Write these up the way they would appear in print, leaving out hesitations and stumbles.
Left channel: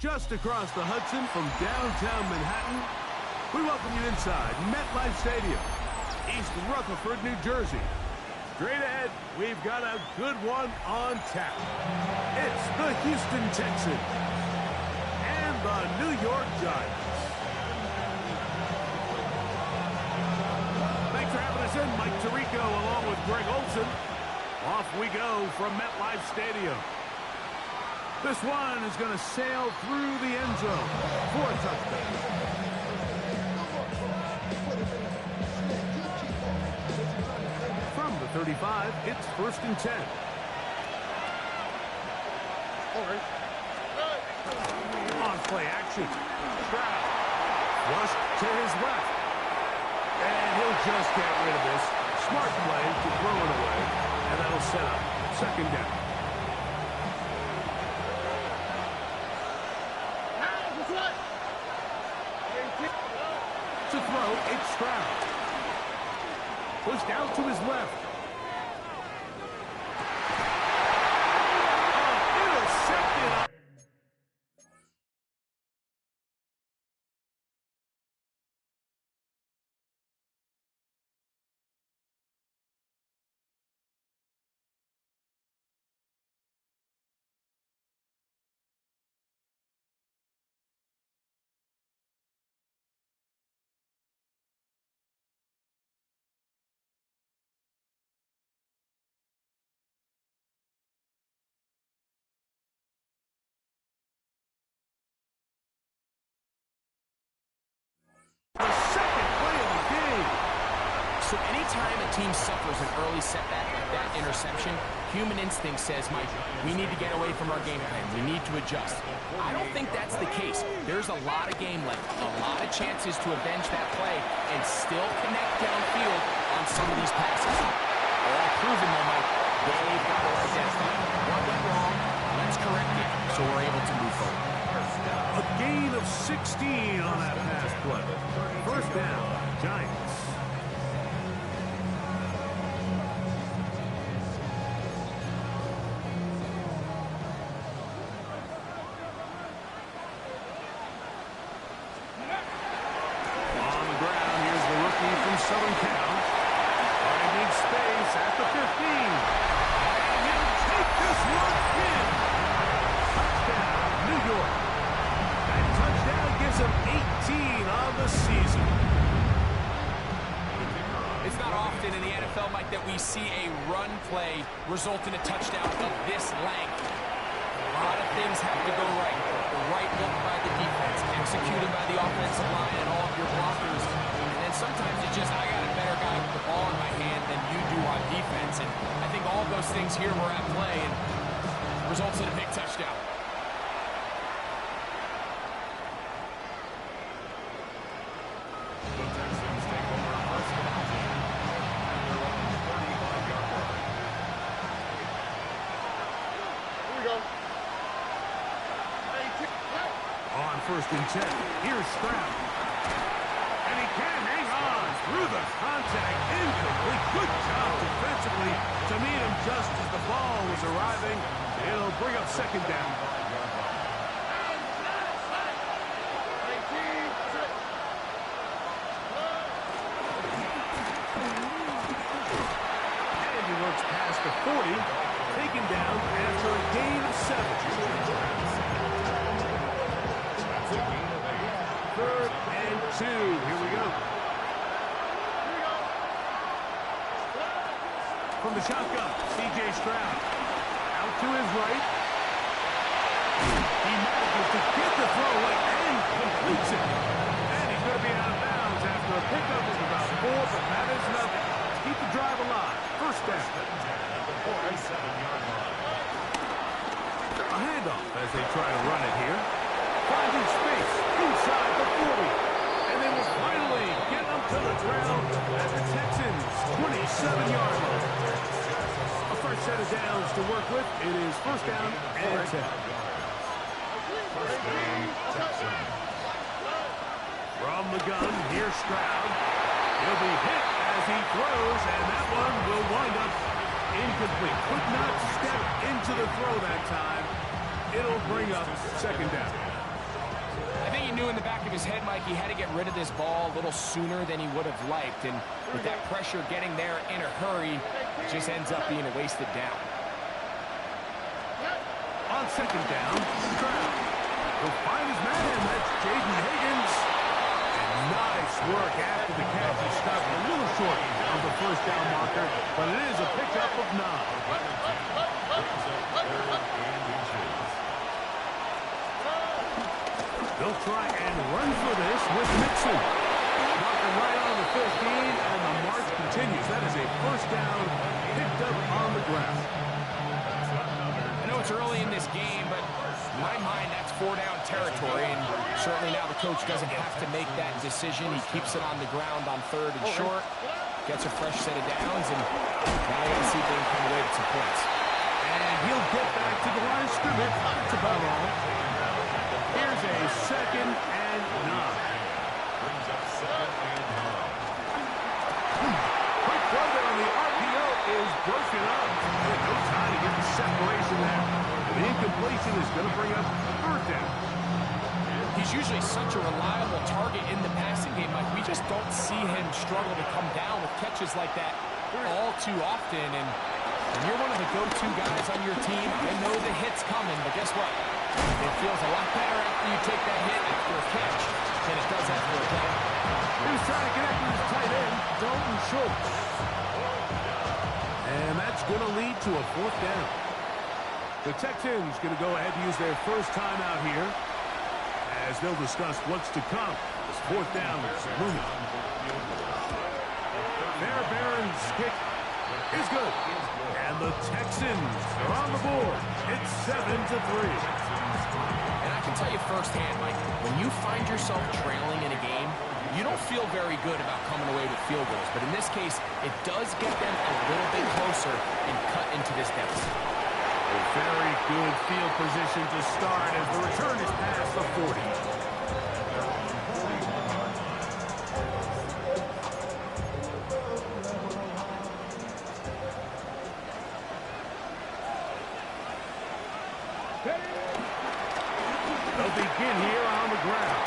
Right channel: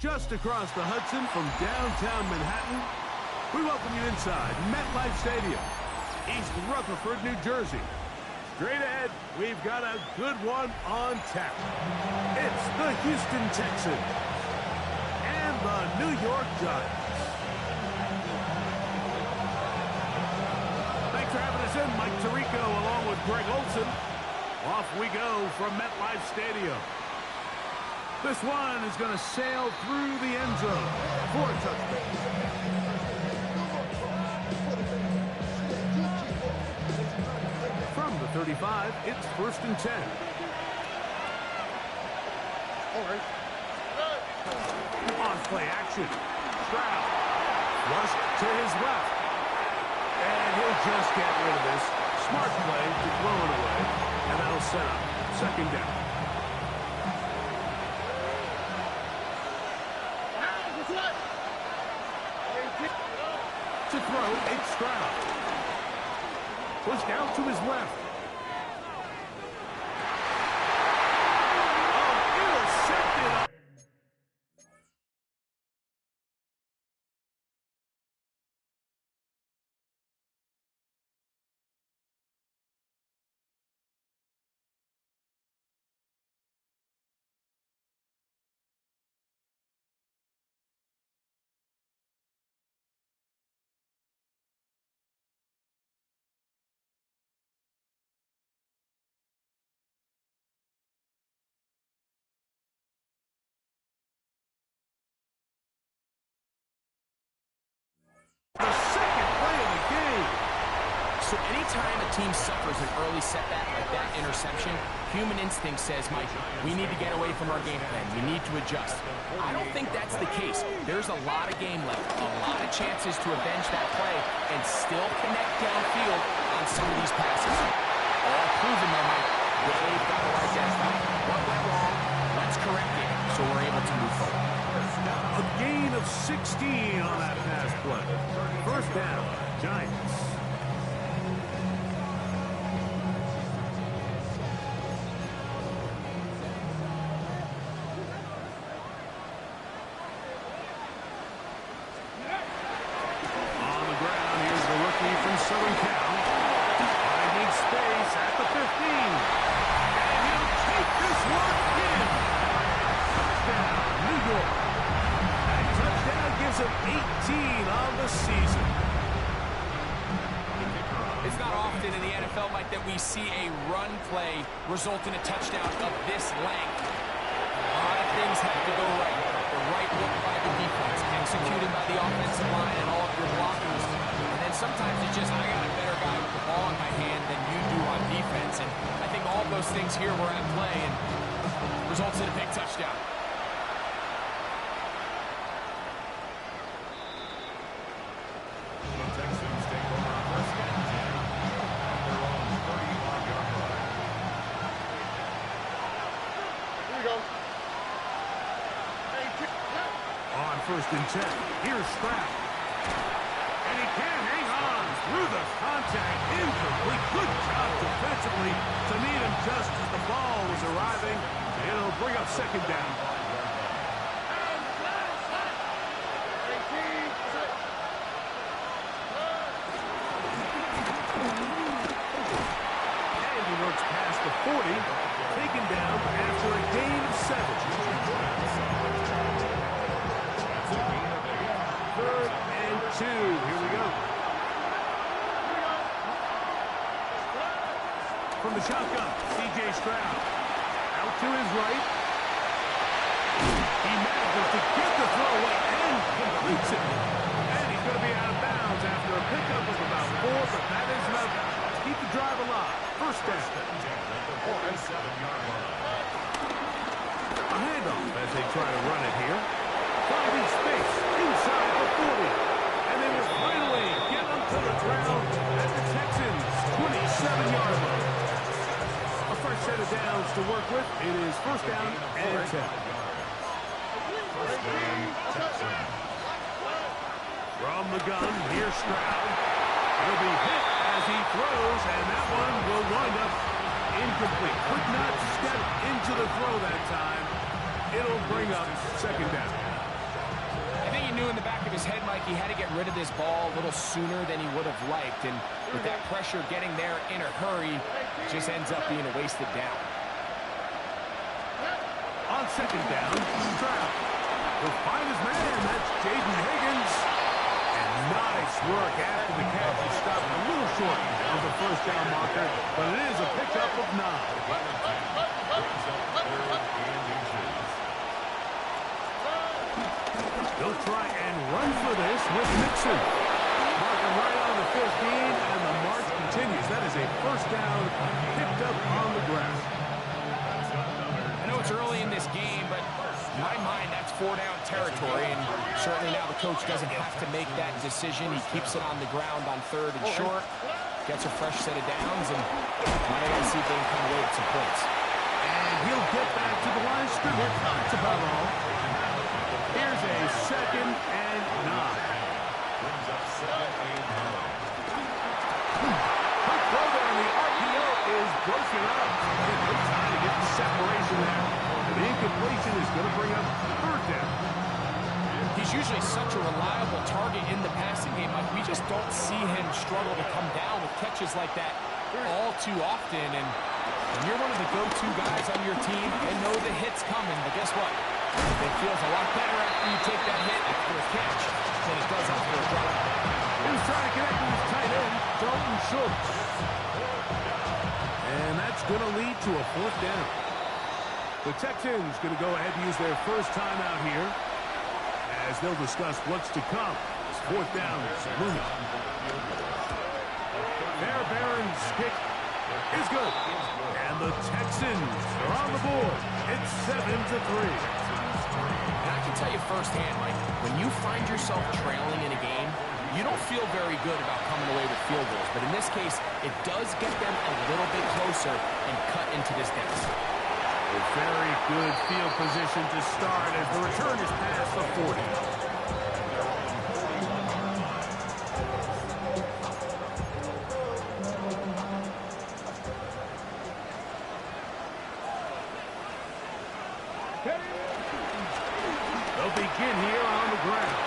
just across the Hudson from downtown Manhattan. We welcome you inside MetLife Stadium, East Rutherford, New Jersey. Straight ahead, we've got a good one on tap. It's the Houston Texans and the New York Giants. Thanks for having us in, Mike Tirico, along with Greg Olson. Off we go from MetLife Stadium. This one is going to sail through the end zone for a touchdown. From the 35, it's 1st and 10. On play action, Stroud flushed to his left. And he'll just get rid of this. Smart play to throw it away. And that'll set up 2nd down. To throw, it's Stroud. Pushed out to his left. Oh, intercepted. The second play of the game. So anytime a team suffers an early setback like that interception, human instinct says, Mike, we need to get away from our game plan. We need to adjust. I don't think that's the case. There's a lot of game left, a lot of chances to avenge that play and still connect downfield on some of these passes. All proven, though, Mike. They've got to identify what went wrong. Let's correct it so we're able to move forward. A gain of 16 on that pass play. 1st down, Giants. On the ground, here's the rookie from Southern Cal. Finding space at the 15. And he'll take this one in. Touchdown, New York. That touchdown gives him 18 on the season. It's not often in the NFL, Mike, that we see a run play result in a touchdown of this length. A lot of things have to go right. The right look by the defense, executed by the offensive line and all of your blockers. And then sometimes it's just, I got a better guy with the ball in my hand than you do on defense. And I think all of those things here were at play and results in a big touchdown. The Texans take over 1st and 10 at their own 35-yard line. Here we go. On 1st and 10, here's Stroud. And he can hang on through the contact. Incomplete. Good job defensively to meet him just as the ball was arriving. It'll bring up 2nd down. And he works past the 40, taken down after a gain of 7. That's a gain of 8. 3rd and 2. Here we go. From the shotgun, C.J. Stroud. Out to his right. He manages to get the throw away and completes it. And he's going to be out of bounds after a pickup of about 4, but that is enough to keep the drive alive. 1st down. At the 47-yard line. A handoff as they try to run it here. Finding space inside the 40. And they will finally get them to the ground at the Texans' 27-yard line. A fresh set of downs to work with. It is 1st down and 10. 1st down, Texans. From the gun, here's Stroud. He'll be hit as he throws, and that one will wind up incomplete. Could not step into the throw that time. It'll bring up 2nd down. he knew in the back of his head, Mike, he had to get rid of this ball a little sooner than he would have liked. And with that pressure getting there in a hurry, it just ends up being a wasted down. On second down, Stroud will find his man. That's Jaden Higgins. And nice work after the catch. He stopped a little short of the first down marker, but it is a pickup of 9. They'll try and run for this with Mixon. Marking right on the 15, and the march continues. That is a first down picked up on the ground. I know it's early in this game, but in my mind, that's 4-down territory, and certainly now the coach doesn't have to make that decision. He keeps it on the ground on 3rd and short, gets a fresh set of downs, and now they got to see if they can come away with some points. And he'll get back to the line of scrimmage. That's about all. Here's a 2nd and 9. Brings up 2nd and 9. Quick throw there on the RPO is broken up. No time to get the separation there. And the incompletion is going to bring up 3rd down. He's usually such a reliable target in the passing game, Mike. We just don't see him struggle to come down with catches like that all too often. And when you're one of the go-to guys on your team, I know the hit's coming, but guess what? It feels a lot better after you take that hit after a catch than it does after a drop. He was trying to connect with his tight end, Dalton Schultz. And that's going to lead to a 4th down. The Texans going to go ahead and use their first timeout here as they'll discuss what's to come. This 4th down is looming. Barron's kick is good. And the Texans are on the board. It's 7-3. And I can tell you firsthand, Mike, when you find yourself trailing in a game, you don't feel very good about coming away with field goals. But in this case, it does get them a little bit closer and cut into this deficit. A very good field position to start as the return is past the 40. They'll begin here on the ground.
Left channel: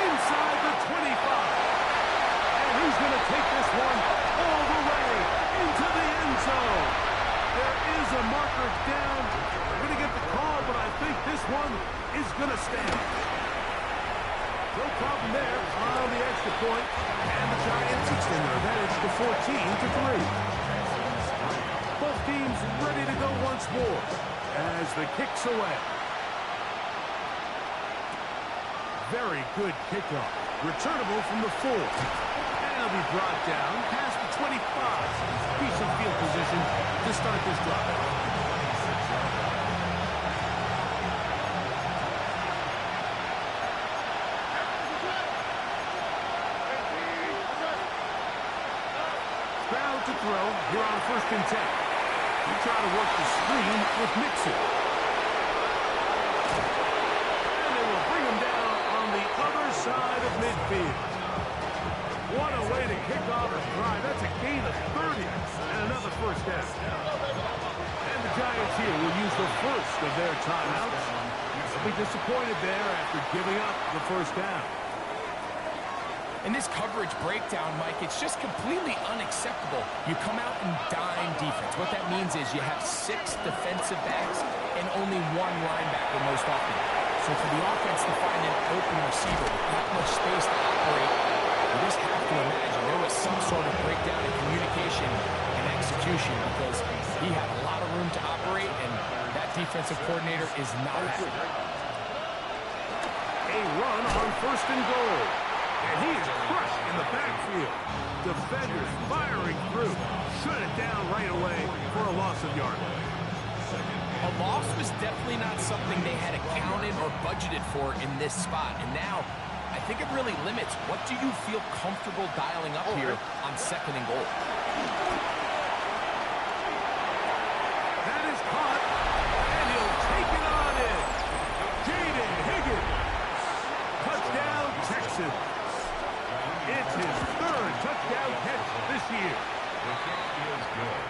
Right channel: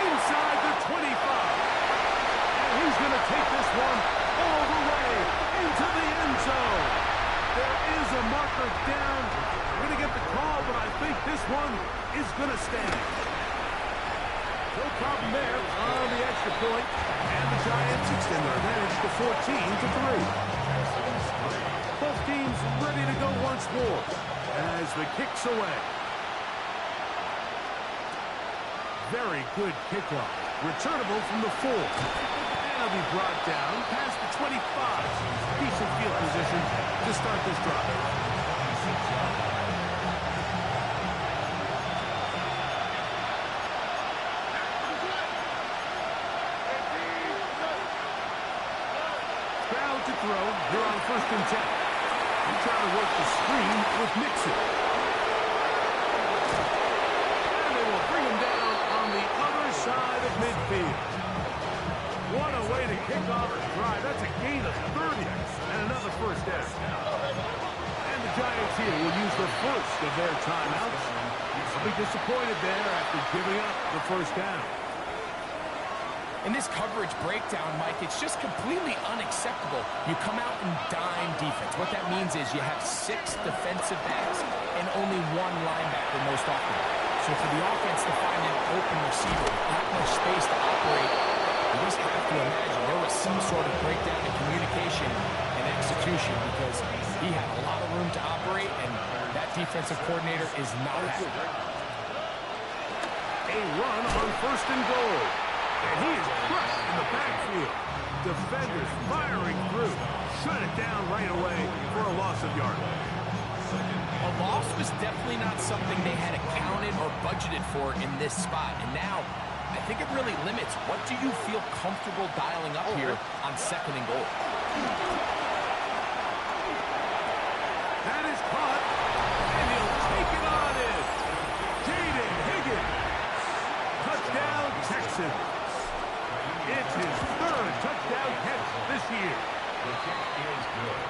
Inside the 25. And he's going to take this one all the way into the end zone. There is a marker down. We're going to get the call, but I think this one is going to stand. No problem there on the extra point. And the Giants extend their advantage to 14-3. Both teams ready to go once more as the kick's away. Very good kickoff. Returnable from the 4. And he'll be brought down past the 25. Decent field position to start this drive. Stroud to throw here on 1st and 10. They try to work the screen with Mixon. And they will bring him down on the other side of midfield. What a way to kick off a drive. That's a gain of 30 and another first down. And the Giants here will use the first of their timeouts. They'll be disappointed there after giving up the first down. In this coverage breakdown, Mike, it's just completely unacceptable. You come out in dime defense. What that means is you have 6 defensive backs and only 1 linebacker most often. So for the offense to find an open receiver with that much space to operate, you just have to imagine there was some sort of breakdown in communication and execution because he had a lot of room to operate, and that defensive coordinator is not happy. A run on 1st and goal. And he is crushed in the backfield. Defenders firing through. Shut it down right away for a loss of yardage. A loss was definitely not something they had accounted or budgeted for in this spot. And now, I think it really limits what do you feel comfortable dialing up here on 2nd and goal. That is caught. And he'll take it on in. Jaden Higgins. Touchdown, Texans. It's his 3rd touchdown catch this year. The kick is good.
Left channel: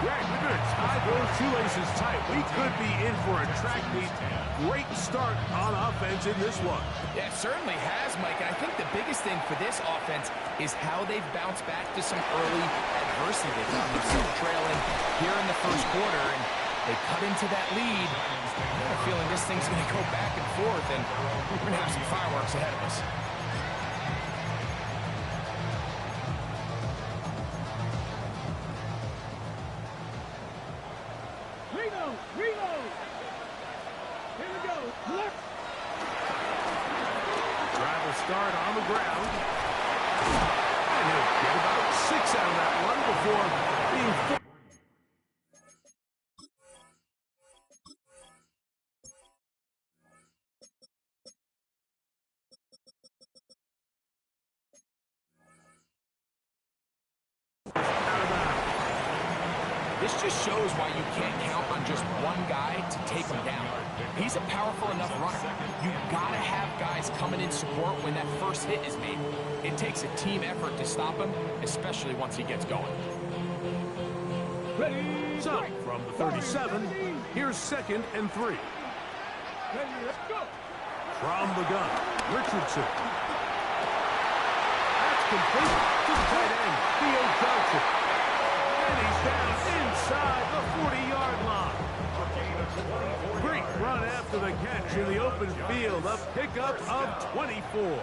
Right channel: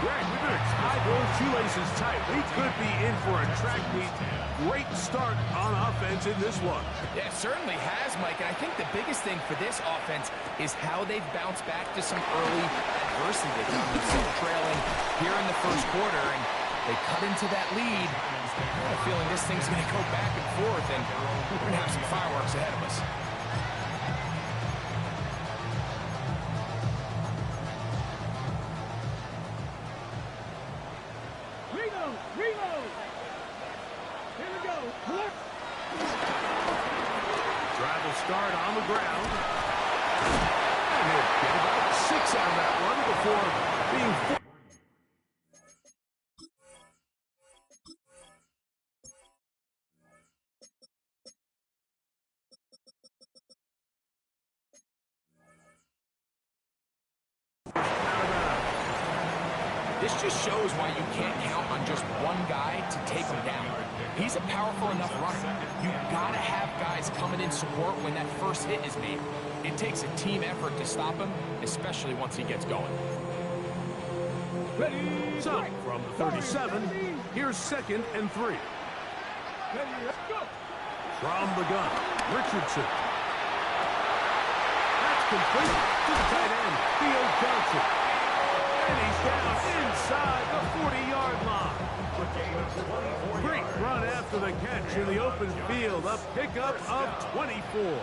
Greg, we better tie those shoelaces tight. We could be in for a track meet. Great start on offense in this one. Yeah, it certainly has, Mike. And I think the biggest thing for this offense is how they've bounced back to some early adversity. They found themselves trailing here in the first quarter, and they cut into that lead. I got a feeling this thing's going to go back and forth, and we're going to have some fireworks ahead of us. Reload! Here we go. Drive will start on the ground. And he'll get about 6 out of that one before being forced. This just shows why you can't count on just one guy to take him down. He's a powerful enough runner. You gotta have guys coming in support when that first hit is made. It takes a team effort to stop him, especially once he gets going. So, from the 37, here's 2nd and 3. From the gun, Richardson. That's complete to the tight end, Theo Johnson. And he's down inside the 40-yard line. Great run after the catch in the open field. A pickup of 24.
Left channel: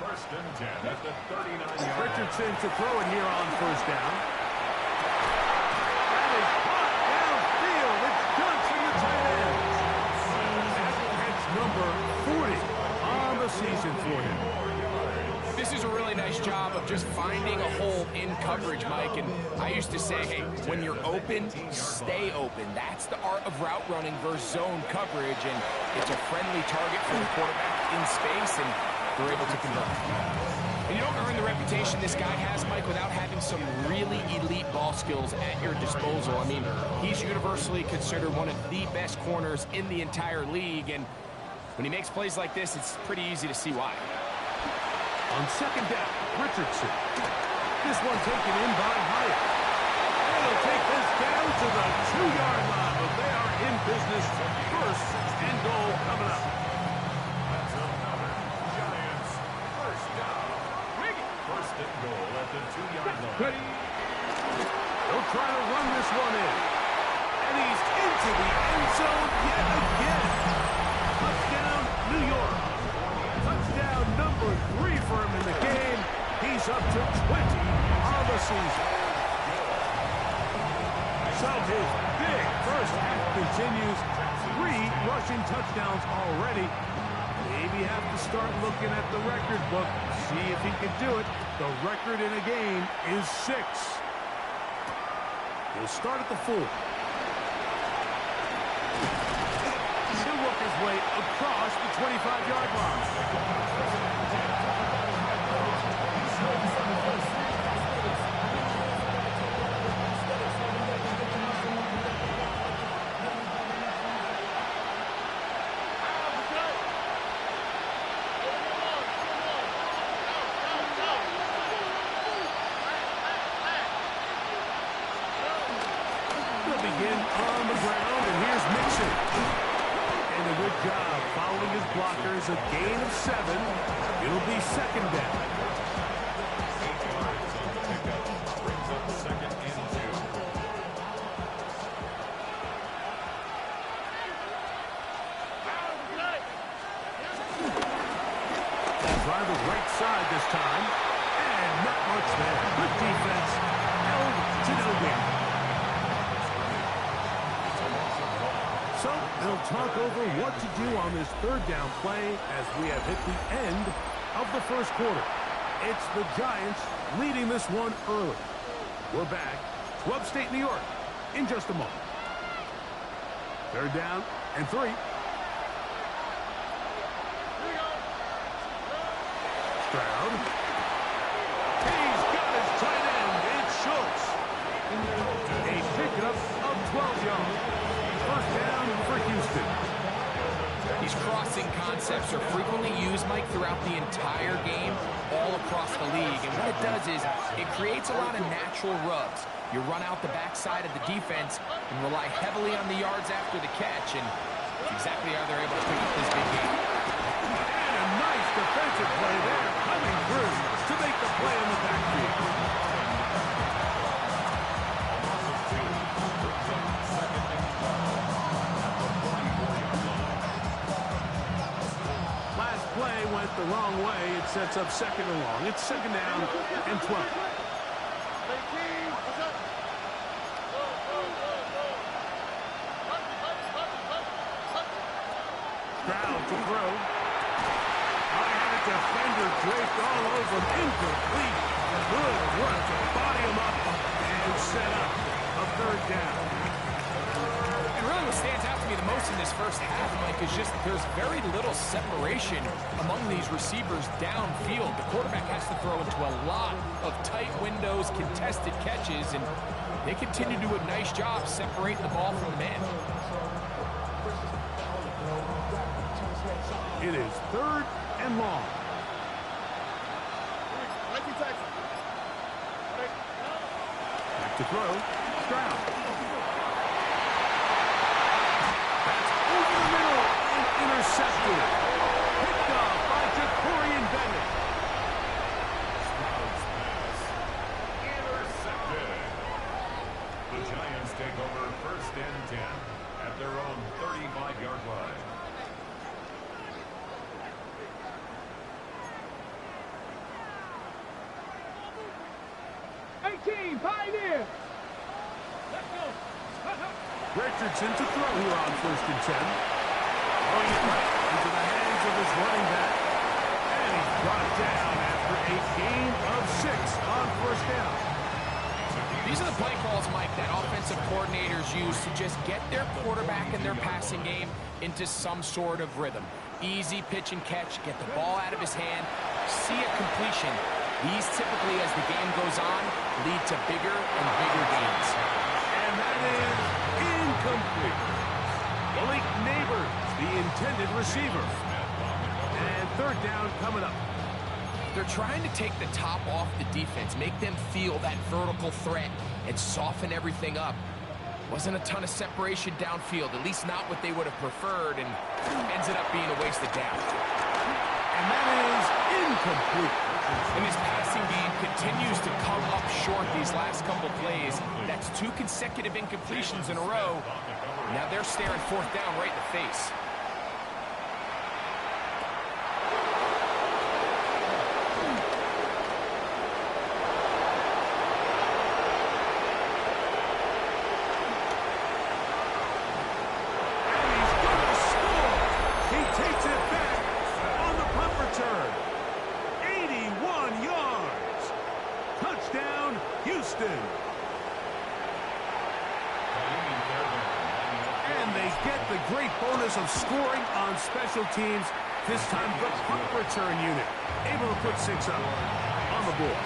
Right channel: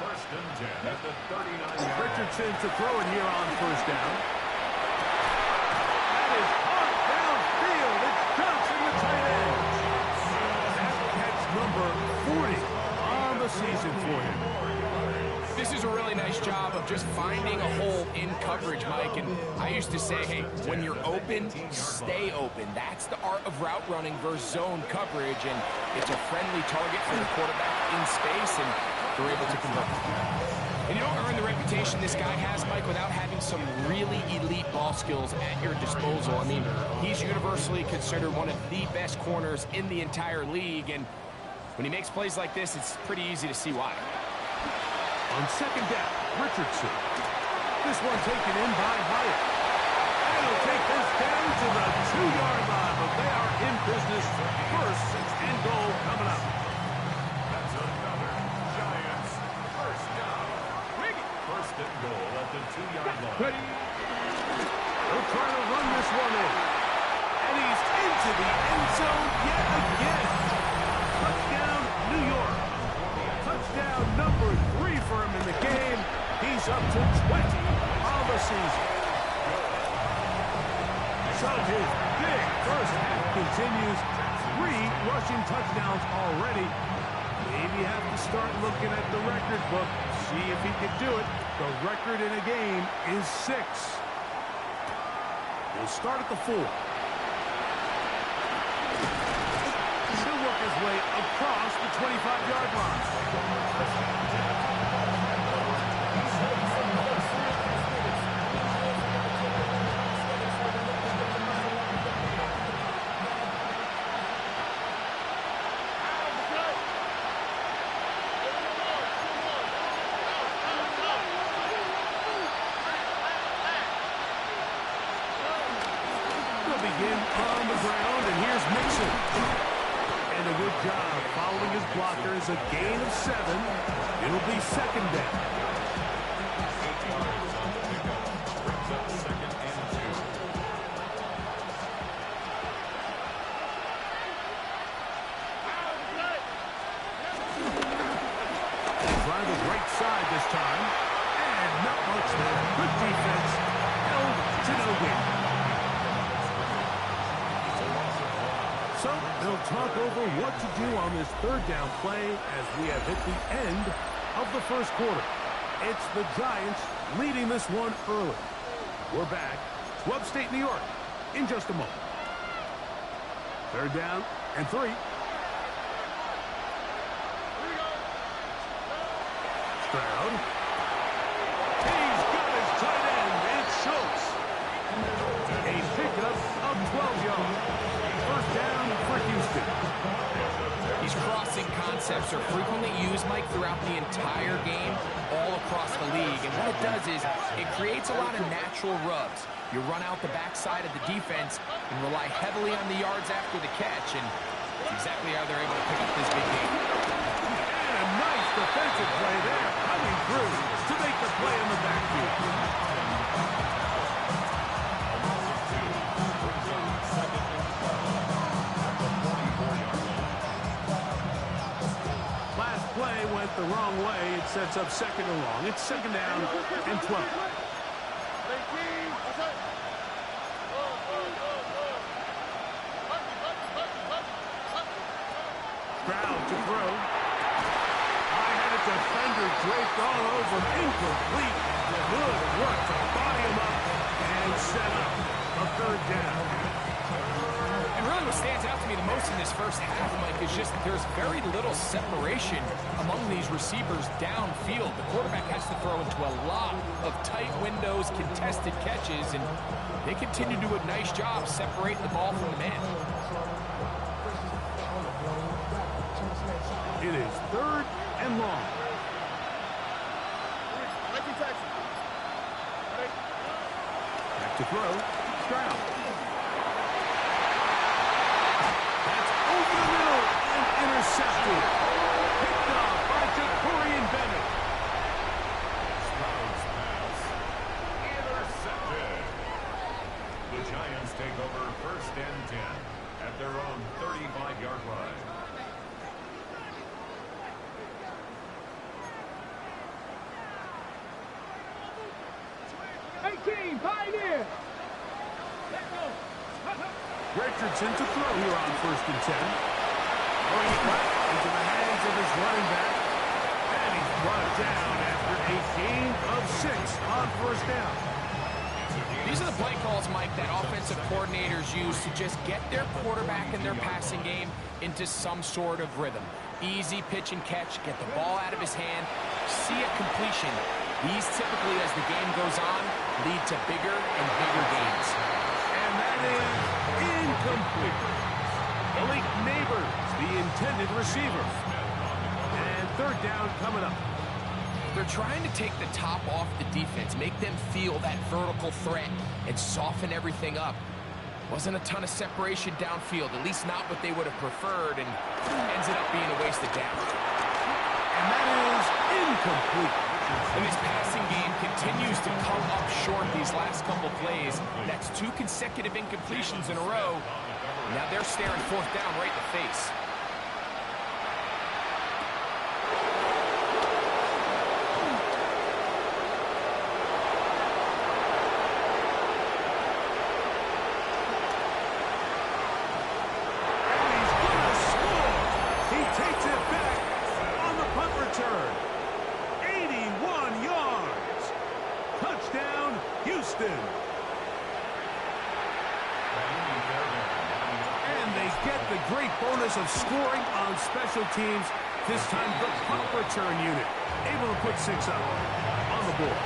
First and 10 at the 39-yard. Richardson to throw it here on first down. That is caught downfield. It's Johnson, the tight end. That's catch number 40 on the season for him. This is a really nice job of just finding a hole in coverage, Mike. And I used to say, hey, when you're open, stay open. That's the art of route running versus zone coverage. And it's a friendly target for the quarterback in space, and they're able to convert. And you don't earn the reputation this guy has, Mike, without having some really elite ball skills at your disposal. I mean, he's universally considered one of the best corners in the entire league. And when he makes plays like this, it's pretty easy to see why. On second down, Richardson. This one taken in by Hyatt. And he'll take this down to the 2-yard line, but they are in business. First and goal coming up. That's another Giants first down. First and goal at the 2-yard line. He'll try to run this one in. And he's into the end zone yet again. Touchdown, New York. Touchdown number 3 for him in the game. He's up to 20 on the season. So his big first half continues. 3 rushing touchdowns already. Maybe have to start looking at the record book, see if he can do it. The record in a game is 6. He'll start at the 4. He'll work his way across the 25-yard line. They'll begin on the ground, and here's Mixon. And a good job following his blockers. A gain of 7. It'll be second down. 8 yards on the pickup. Brings up second and 2. Drive the right side this time. And not much there. Good defense. Held to no gain. So they'll talk over what to do on this third down play as we have hit the end of the first quarter. It's the Giants leading this one early. We're back to upstate New York in just a moment. Third down and 3. Stroud. He's got his tight end. It's Schultz. A pickup of 12 yards. First down for Houston. He's crossing concepts. concepts are frequently used, Mike, throughout the entire game, all across the league. And what it does is it creates a lot of natural rubs. You run out the backside of the defense and rely heavily on the yards after the catch, and it's exactly how they're able to pick up this big game. And a nice defensive play there, coming through to make the play in the backfield. Last play went the wrong way. It sets up second and long. It's second down and 12. Stroud to throw. I had a defender draped all over him. Incomplete. Good work to body him up and set up a third down. And really what stands out to me the most in this first half, Mike, is just there's very little separation among these receivers downfield. The quarterback has to throw into a lot of tight windows, contested catches, and they continue to do a nice job separating the ball from the man. It is third and long. Back to throw. Stroud. That's over the middle and intercepted. Picked off by Jacorian Bennett. Stroud's pass. Intercepted. The Giants take over first and 10 at their own 35-yard line. Pioneer! Let's go! Richardson to throw here on first and 10. Throwing it right into the hands of his running back. And he's brought down after a gain of 6 on first down. These are the play calls, Mike, that offensive coordinators use to just get their quarterback and their passing game into some sort of rhythm. Easy pitch and catch, get the ball out of his hand, see a completion. These typically, as the game goes on, lead to bigger and bigger gains. And that is incomplete. Malik Neighbors, the intended receiver. And third down coming up. They're trying to take the top off the defense, make them feel that vertical threat, and soften everything up. Wasn't a ton of separation downfield, at least not what they would have preferred, and ended up being a wasted down. And that is incomplete. And his passing game continues to come up short these last couple plays. That's 2 consecutive incompletions in a row. Now they're staring fourth down right in the face. And he's going to score. He takes it back on the punt return. 81 yards. Touchdown, Houston. And they get the great bonus of scoring on special teams. This time the punt return unit able to put 6 up on the board.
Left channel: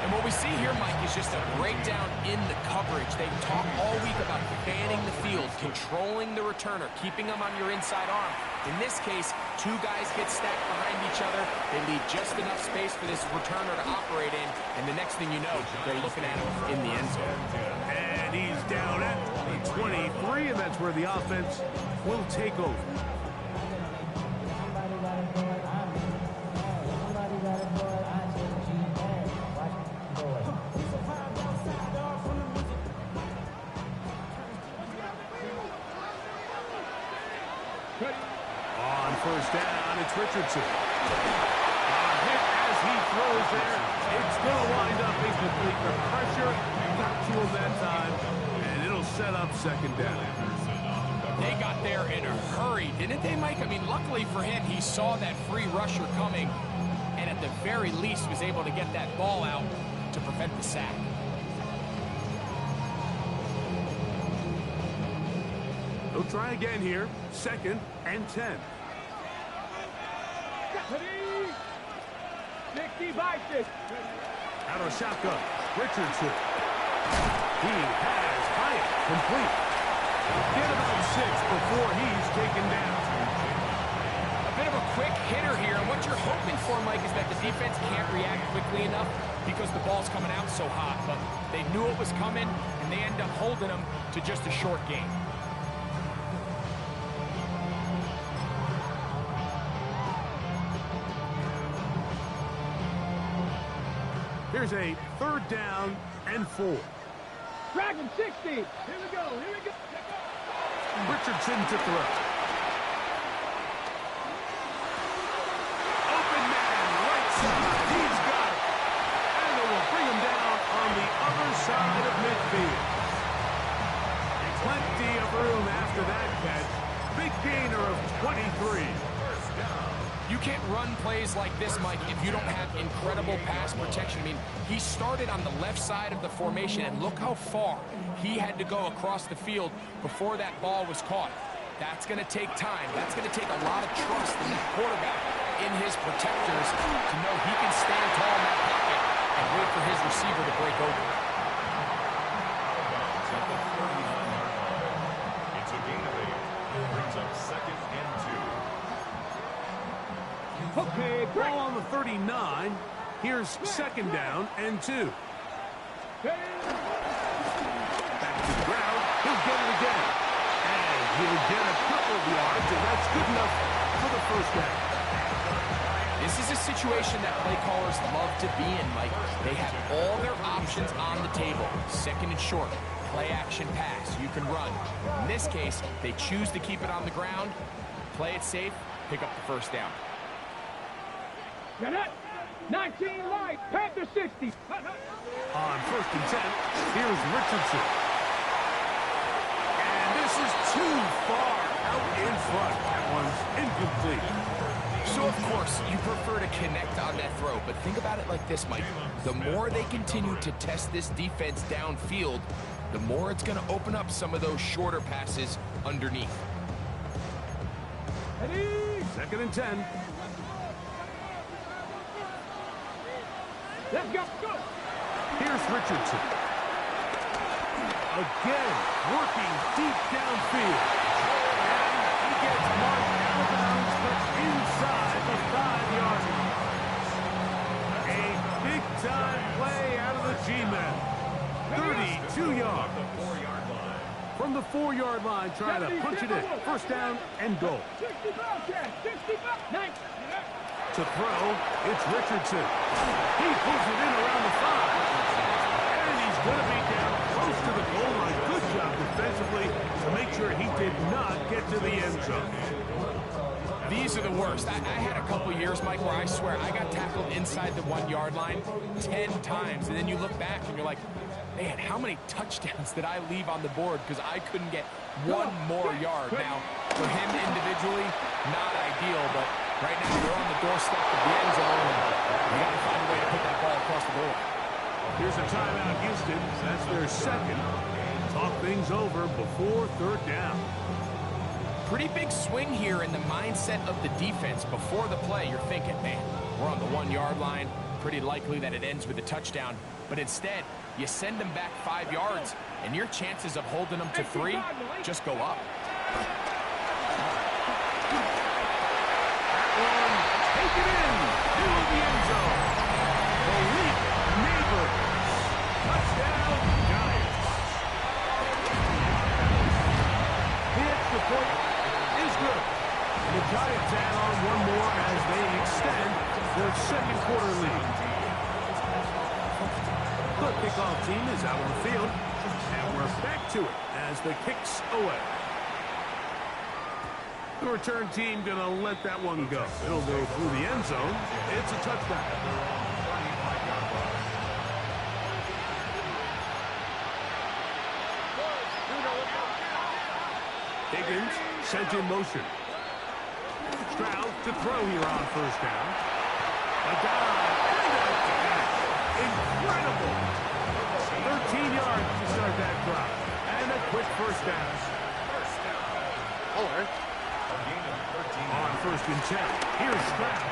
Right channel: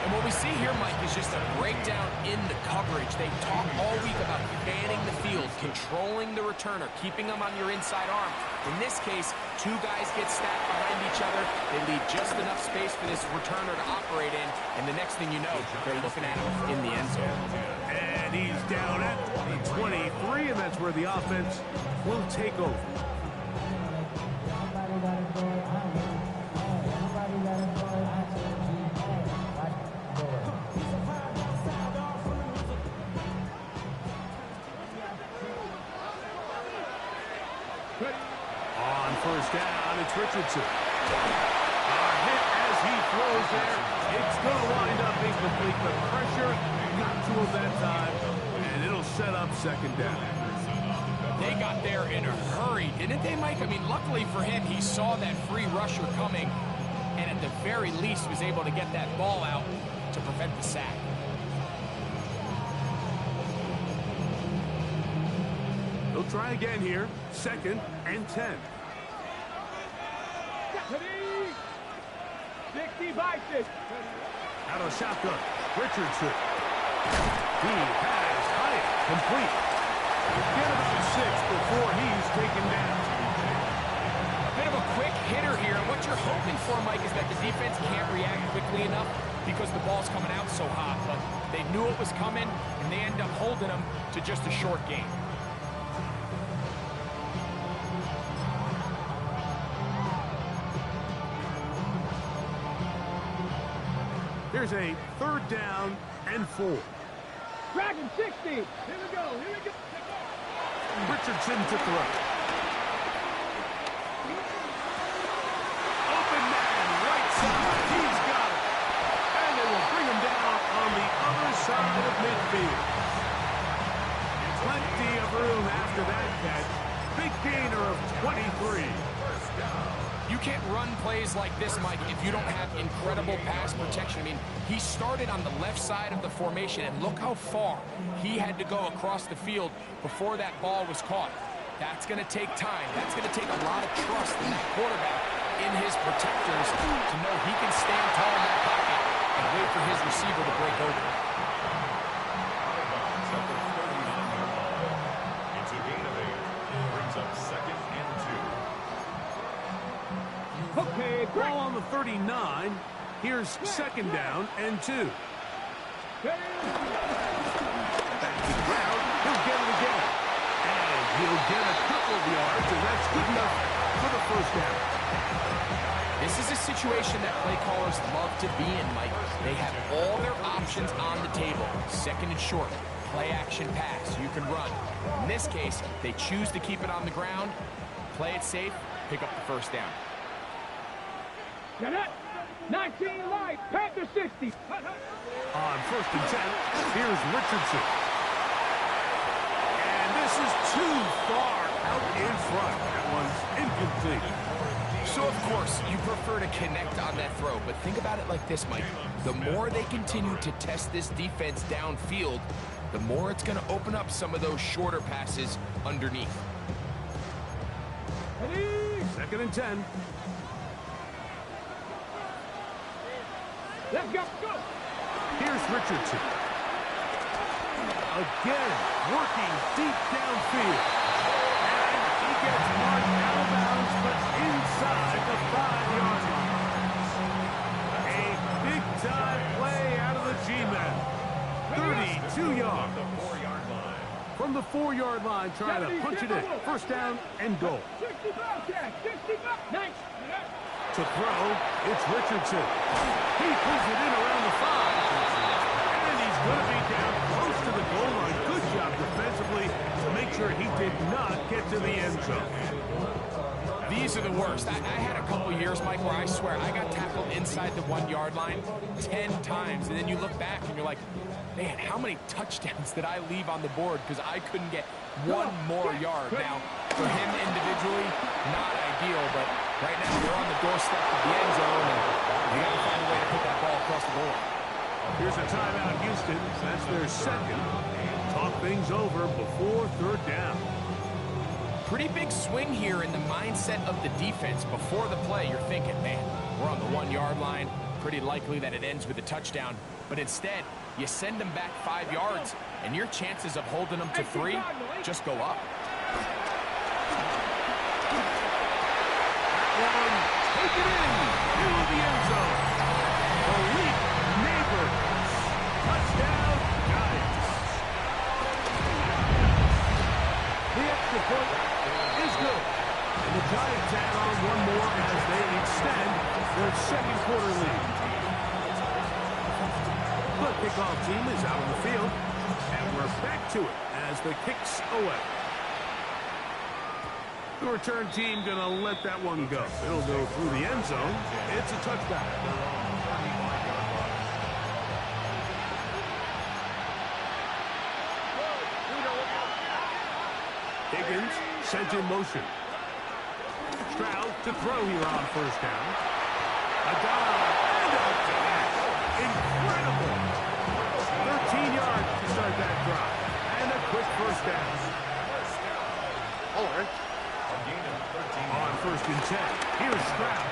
And what we see here, Mike, is just a breakdown in the coverage. They talk all week about fanning the field, controlling the returner, keeping them on your inside arm. In this case, 2 guys get stacked behind each other. They leave just enough space for this returner to operate in, and the next thing you know, they're looking at him in the end zone. And he's down at the 23, and that's where the offense will take over. On first down, it's Richardson. A hit as he throws there. It's going to wind up incomplete. The pressure got to him that time, and it'll set up second down. They got there in a hurry, didn't they, Mike? I mean, luckily for him, he saw that free rusher coming, and at the very least was able to get that ball out to prevent the sack. They'll try again here. Second and 10. 60 by 60. Out of shotgun, Richardson. He has Hyatt complete. Get about 6 before he's taken down. bit of a quick hitter here, and what you're hoping for, Mike, is that the defense can't react quickly enough because the ball's coming out so hot, but they knew it was coming, and they end up holding them to just a short game. Here's a 3rd down and 4. Dragon 60. Here we go. Here we go. Richardson to throw. Open man, right side. He's got it. And they will bring him down on the other side of midfield. Plenty of room after that catch. Big gainer of 23. First down. You can't run plays like this, Mike, if you don't have incredible pass protection. I mean, he started on the left side of the formation, and look how far he had to go across the field before that ball was caught. That's going to take time. That's going to take a lot of trust in that quarterback, in his protectors, to know he can stand tall in that pocket and wait for his receiver to break open. Out of bounds at the 39-yard line. It's a gain of 8. It brings up 2nd and 2. Okay, ball on the 39. Here's 2nd down and 2. Back to the ground. He'll get it again. And he'll get a couple of yards, and that's good enough for the 1st down. This is a situation that play callers love to be in, Mike. They have all their options on the table. 2nd and short, play action pass. You can run. In this case, they choose to keep it on the ground, play it safe, pick up the 1st down. Get it. 19 light. Panther 60. On 1st and 10, here's Richardson. And this is too far out in front. That one's incomplete. So, of course, you prefer to connect on that throw, but think about it like this, Mike. The more they continue to test this defense downfield, the more it's going to open up some of those shorter passes underneath. Ready? 2nd and 10. Let's go. Go. Here's Richardson. Again, working deep downfield. And he gets marked out of bounds, but inside the 5-yard line. A big-time play out of the G-men. 32 yards. The 4-yard line. From the 4-yard line, trying to punch it in. 1st down and goal. 65 catch. 65. Nice. To throw, it's Richardson. He pulls it in around the 5. And he's going to be down close to the goal line. Good job defensively to make sure he did not get to the end zone. These are the worst. I had a couple years, Mike, where I swear I got tackled inside the 1-yard line 10 times. And then you look back and you're like, man, how many touchdowns did I leave on the board because I couldn't get one more yard? Now, for him individually, not ideal, but right now they're on the doorstep of the end zone, and they got to find a way to put that ball across the goal line. Here's a timeout, Houston. That's their 2nd. Talk things over before 3rd down. Pretty big swing here in the mindset of the defense. Before the play, you're thinking, man, we're on the 1-yard line. Pretty likely that it ends with a touchdown. But instead, you send them back 5 yards, and your chances of holding them to 3 just go up. One, take it in, into the end zone. Malik Neighbors, touchdown, Giants. The extra point is good. And the Giants add on one more as they extend their 2nd quarter lead. The kickoff team is out on the field, and we're back to it as the kick's away. The return team going to let that one go. It'll go through the end zone. It's a touchback. Higgins sent in motion. Stroud to throw here on 1st down. A dive and a catch. Incredible. 13 yards to start that drive. And a quick 1st down. All right. On 1st and 10. Here's Stroud.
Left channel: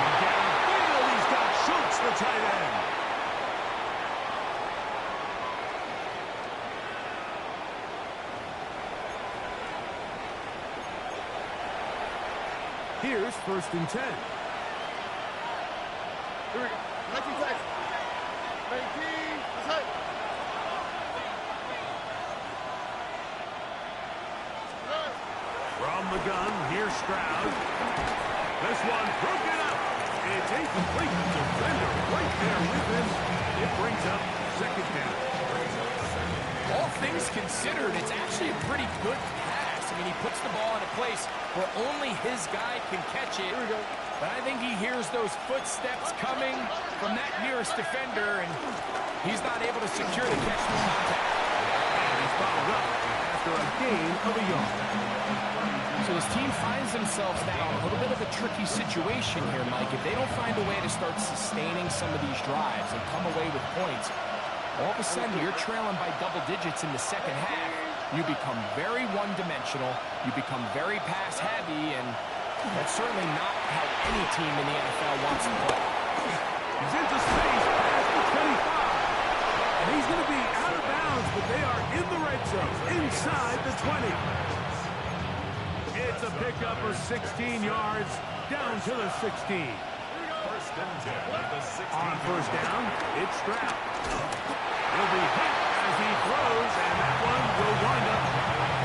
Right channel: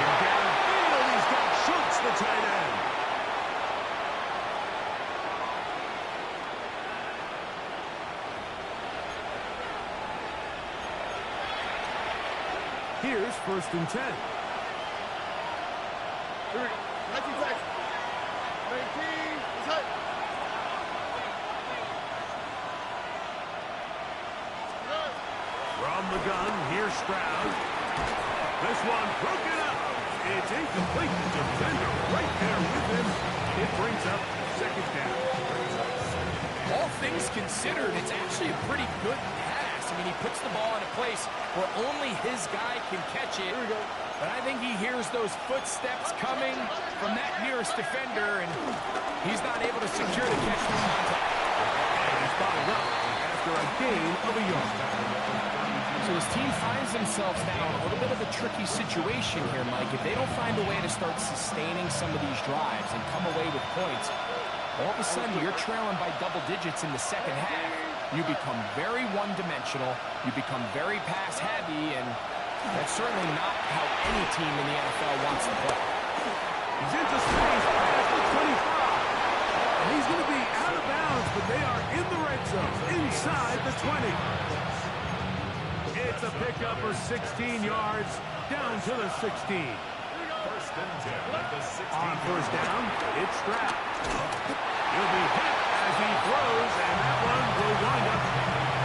And downfield, he's got Schultz, the tight end. Here's 1st and 10. Here we go. 19 seconds. 19. Let's hit. From the gun, here's Stroud. This one broken up. It's incomplete. The defender right there with him. It brings up 2nd down. All things considered, it's actually a pretty good pass. I mean, he puts the ball in a place where only his guy can catch it. Here we go. But I think he hears those footsteps coming from that nearest defender, and he's not able to secure the catch through contact. And he's followed up after a gain of a yard. So his team finds themselves now in a little bit of a tricky situation here, Mike. If they don't find a way to start sustaining some of these drives and come away with points, all of a sudden you're trailing by double digits in the 2nd half. You become very one-dimensional. You become very pass-heavy, and that's certainly not how any team in the NFL wants to play. He's into space past the 25. And he's going to be out of bounds, but they are in the red zone, inside the 20. It's a pickup of 16 yards, down to the 16. 1st and 10 at the 16. On 1st down, it's Stroud. He'll be hit as he throws, and that one will wind up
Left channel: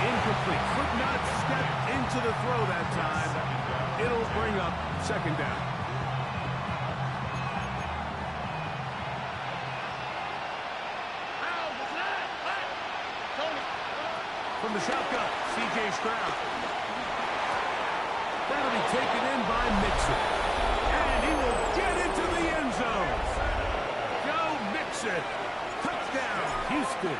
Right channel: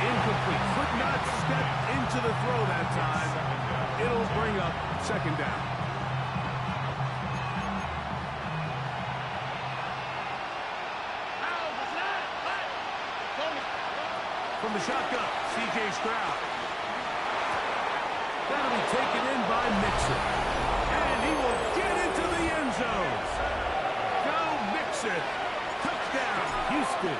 incomplete. Could not step into the throw that time. It'll bring up 2nd down. From the shotgun, C.J. Stroud. That'll be taken in by Mixon. And he will get into the end zone. Go Mixon. Touchdown, Houston.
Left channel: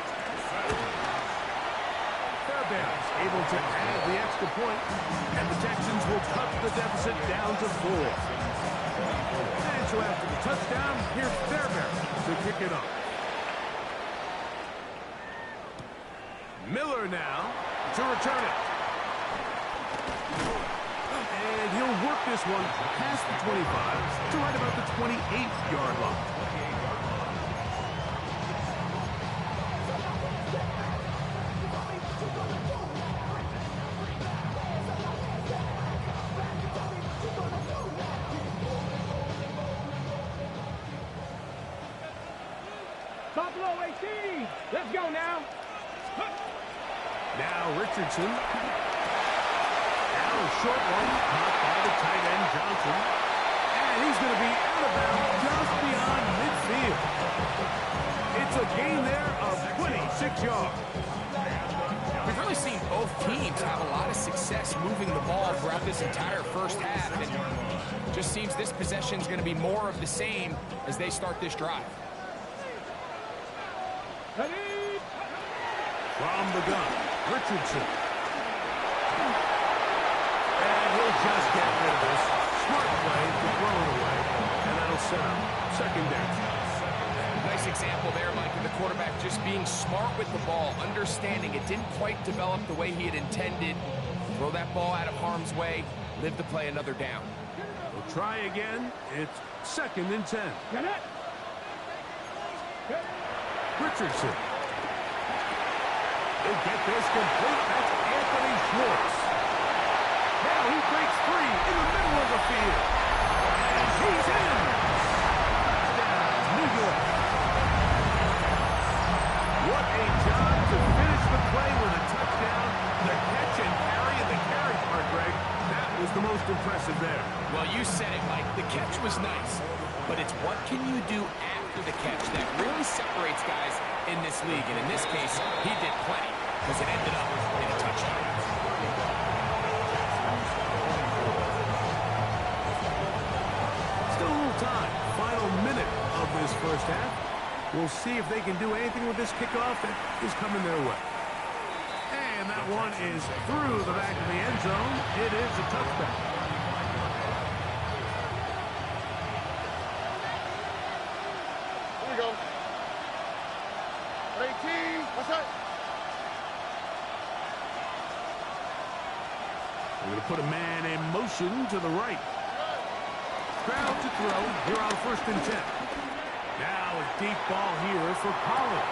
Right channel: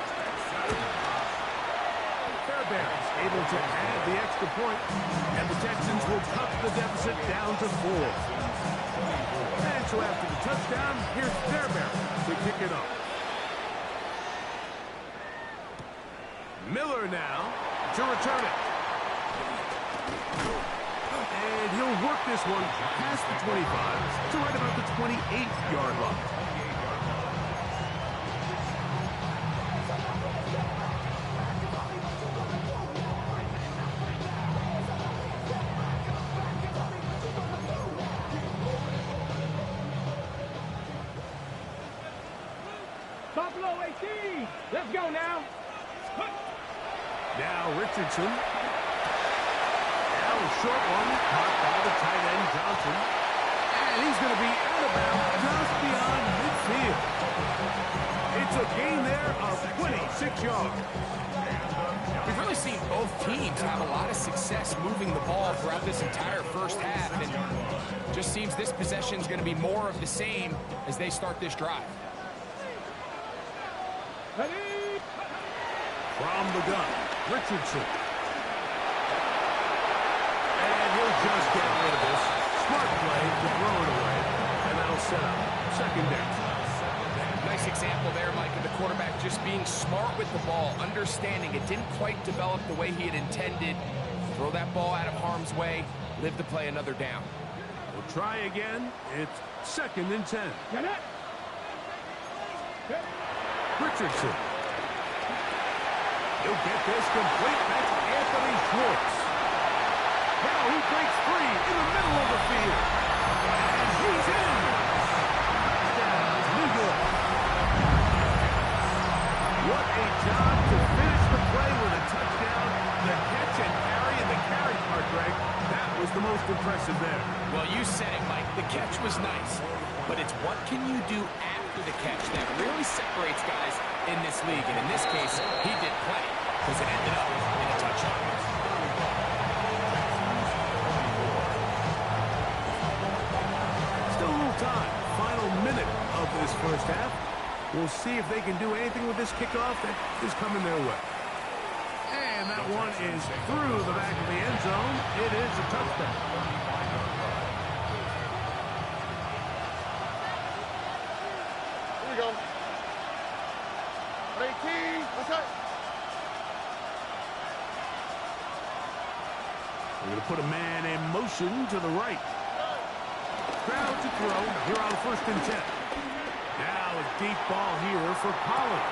Fairbairn's able to add the extra point, and the Texans will cut the deficit down to 4. And so after the touchdown, here's Fairbairn to kick it off. Miller now to return it. And he'll work this one past the 25 to right about the 28-yard line. Buffalo 18. Let's go now. Now Richardson. Now a short one caught by the tight end Johnson. And he's going to be out of bounds just beyond midfield. It's a gain there of 26 yards. We've really seen both teams have a lot of success moving the ball throughout this entire 1st half, and just seems this possession is going to be more of the same as they start this drive. From the gun, Richardson. And he'll just get rid of this. Smart play to throw it away, and that'll set up 2nd down. Nice example there, Mike, of the quarterback just being smart with the ball, understanding it didn't quite develop the way he had intended. Throw that ball out of harm's way, live to play another down. We'll try again. It's 2nd and 10. Richardson. He'll get this complete. That's Anthony Schwartz. Now he breaks free in the middle of the field. And he's in. Touchdown, New York. What a job to finish the play with a touchdown. The catch and carry, and the carry part, Greg, that was the most impressive there. Well, you said it, Mike. The catch was nice. But it's what can you do after the catch that really separates guys in this league. And in this case, he did plenty because it ended up in a touchdown. Still a little time. Final minute of this 1st half. We'll see if they can do anything with this kickoff that is coming their way. And that one is through the back of the end zone. It is a touchdown. Here we go. 18. What's that? We're going to put a man in motion to the right. Crowd to throw here on 1st and 10. Now a deep ball here for Pollard.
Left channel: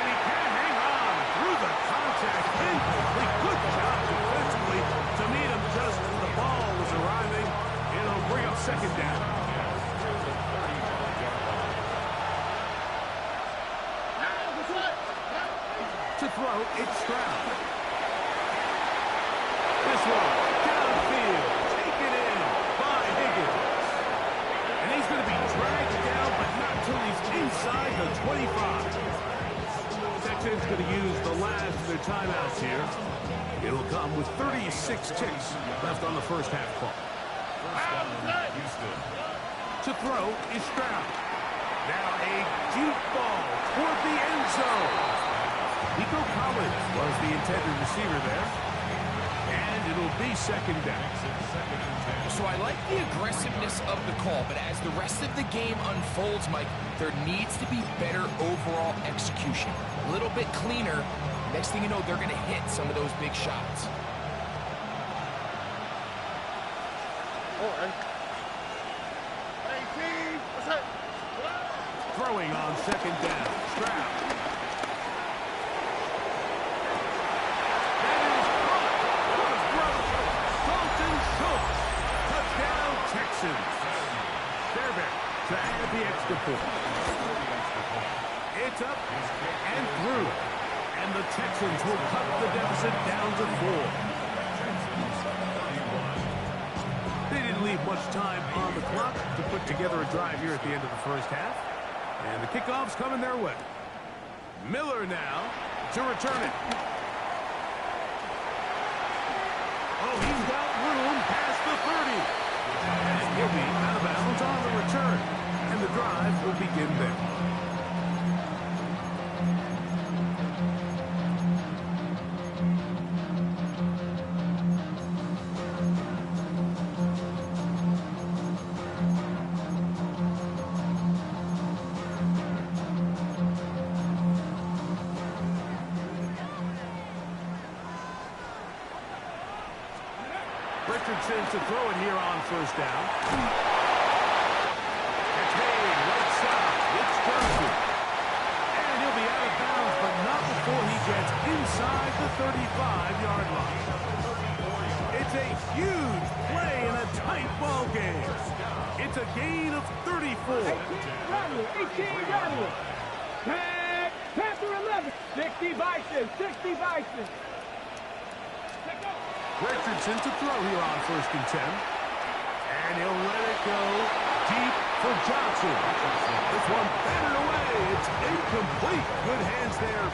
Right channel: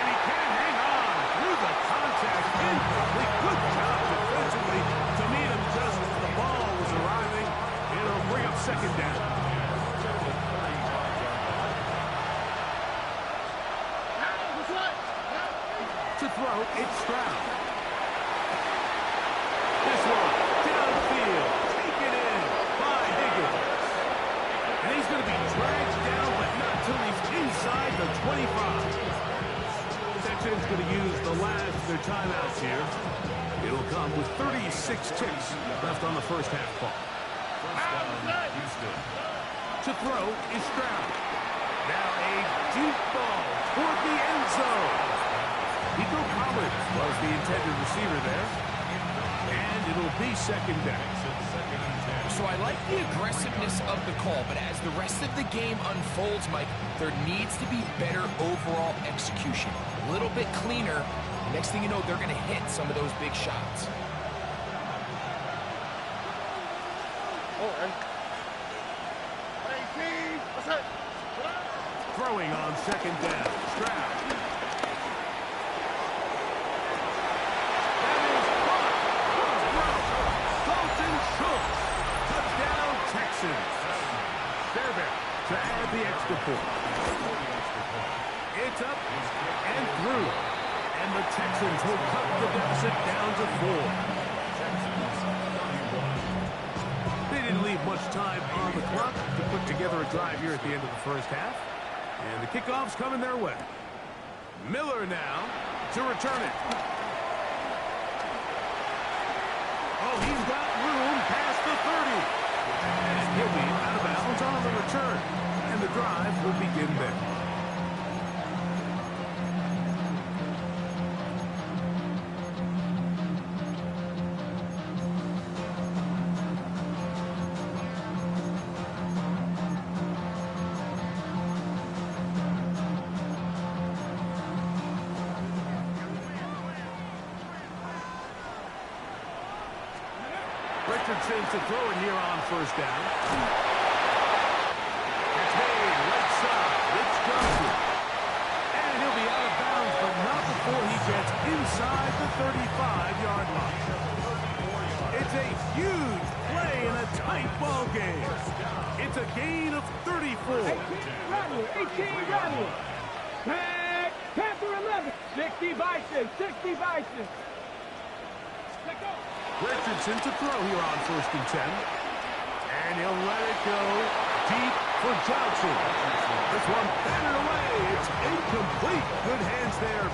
And he can't hang on through the contact. Incomplete. Good job defensively to meet him just as the ball was arriving. It'll bring up second down. To throw, it's Stroud. This one, downfield, taken in by Higgins. And he's going to be dragged down, but not till he's inside the 25. Texans going to use the last of their timeouts here. It'll come with 36 ticks left on the first half clock. First down, Houston. To throw is Stroud. Now a deep ball toward the end zone. Nico Collins was the intended receiver there. And it'll be second down. So I like the aggressiveness of the call, but as the rest of the game unfolds, Mike, there needs to be better overall execution. A little bit cleaner. Next thing you know, they're going to hit some of those big shots. Throwing on second down. Stroud. That is caught. What a throw. Dalton Schultz. Touchdown, Texans. Fairbairn to add the extra point. It's up and through. And the Texans will cut the deficit down to 4. They didn't leave much time on the clock to put together a drive here at the end of the first half. And the kickoff's coming their way. Miller now to return it. Oh, he's got room past the 30. And he'll be out of bounds on the return. And the drive will begin there. Richardson to throw it here on first down. It's made right side. It's Johnson. And he'll be out of bounds, but not before he gets inside the 35-yard line. It's a huge play in a tight ball game. It's a gain of 34. 18 Rattler. Tag, Panther 11. 60 Bison, 60 Bison. Let's go. Richardson to throw here on first and 10. And he'll let it go deep for Johnson. This one batted away. It's incomplete. Good hands there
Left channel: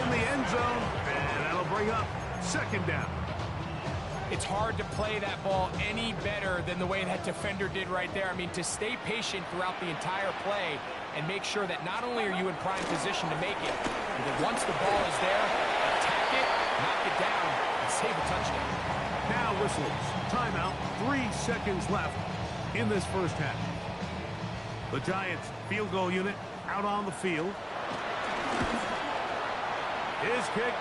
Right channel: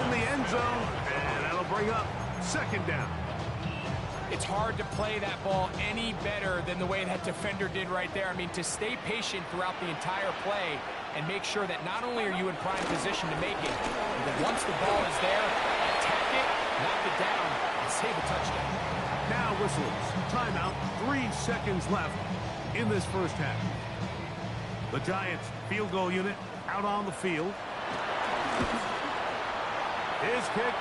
in the end zone. And that'll bring up second down. It's hard to play that ball any better than the way that defender did right there. I mean, to stay patient throughout the entire play and make sure that not only are you in prime position to make it, but that once the ball is there, attack it, knock it down, and save a touchdown. Now whistles. Timeout. 3 seconds left in this first half. The Giants field goal unit out on the field. His kick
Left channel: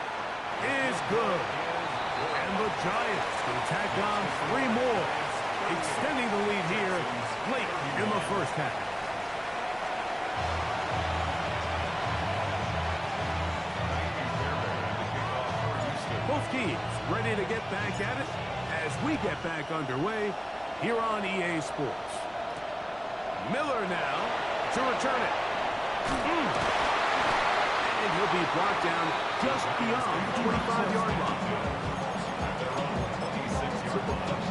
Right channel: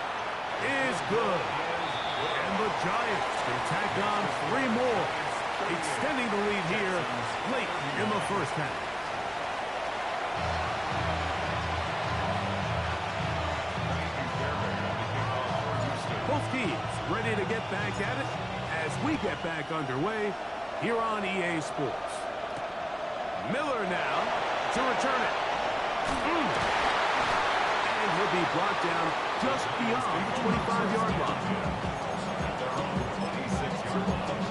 is good. And the Giants can tack on 3 more, extending the lead here late in the first half. Both teams ready to get back at it as we get back underway here on EA Sports. Miller now to return it. And he'll be brought down just beyond the 25-yard line. At their own 26-yard line.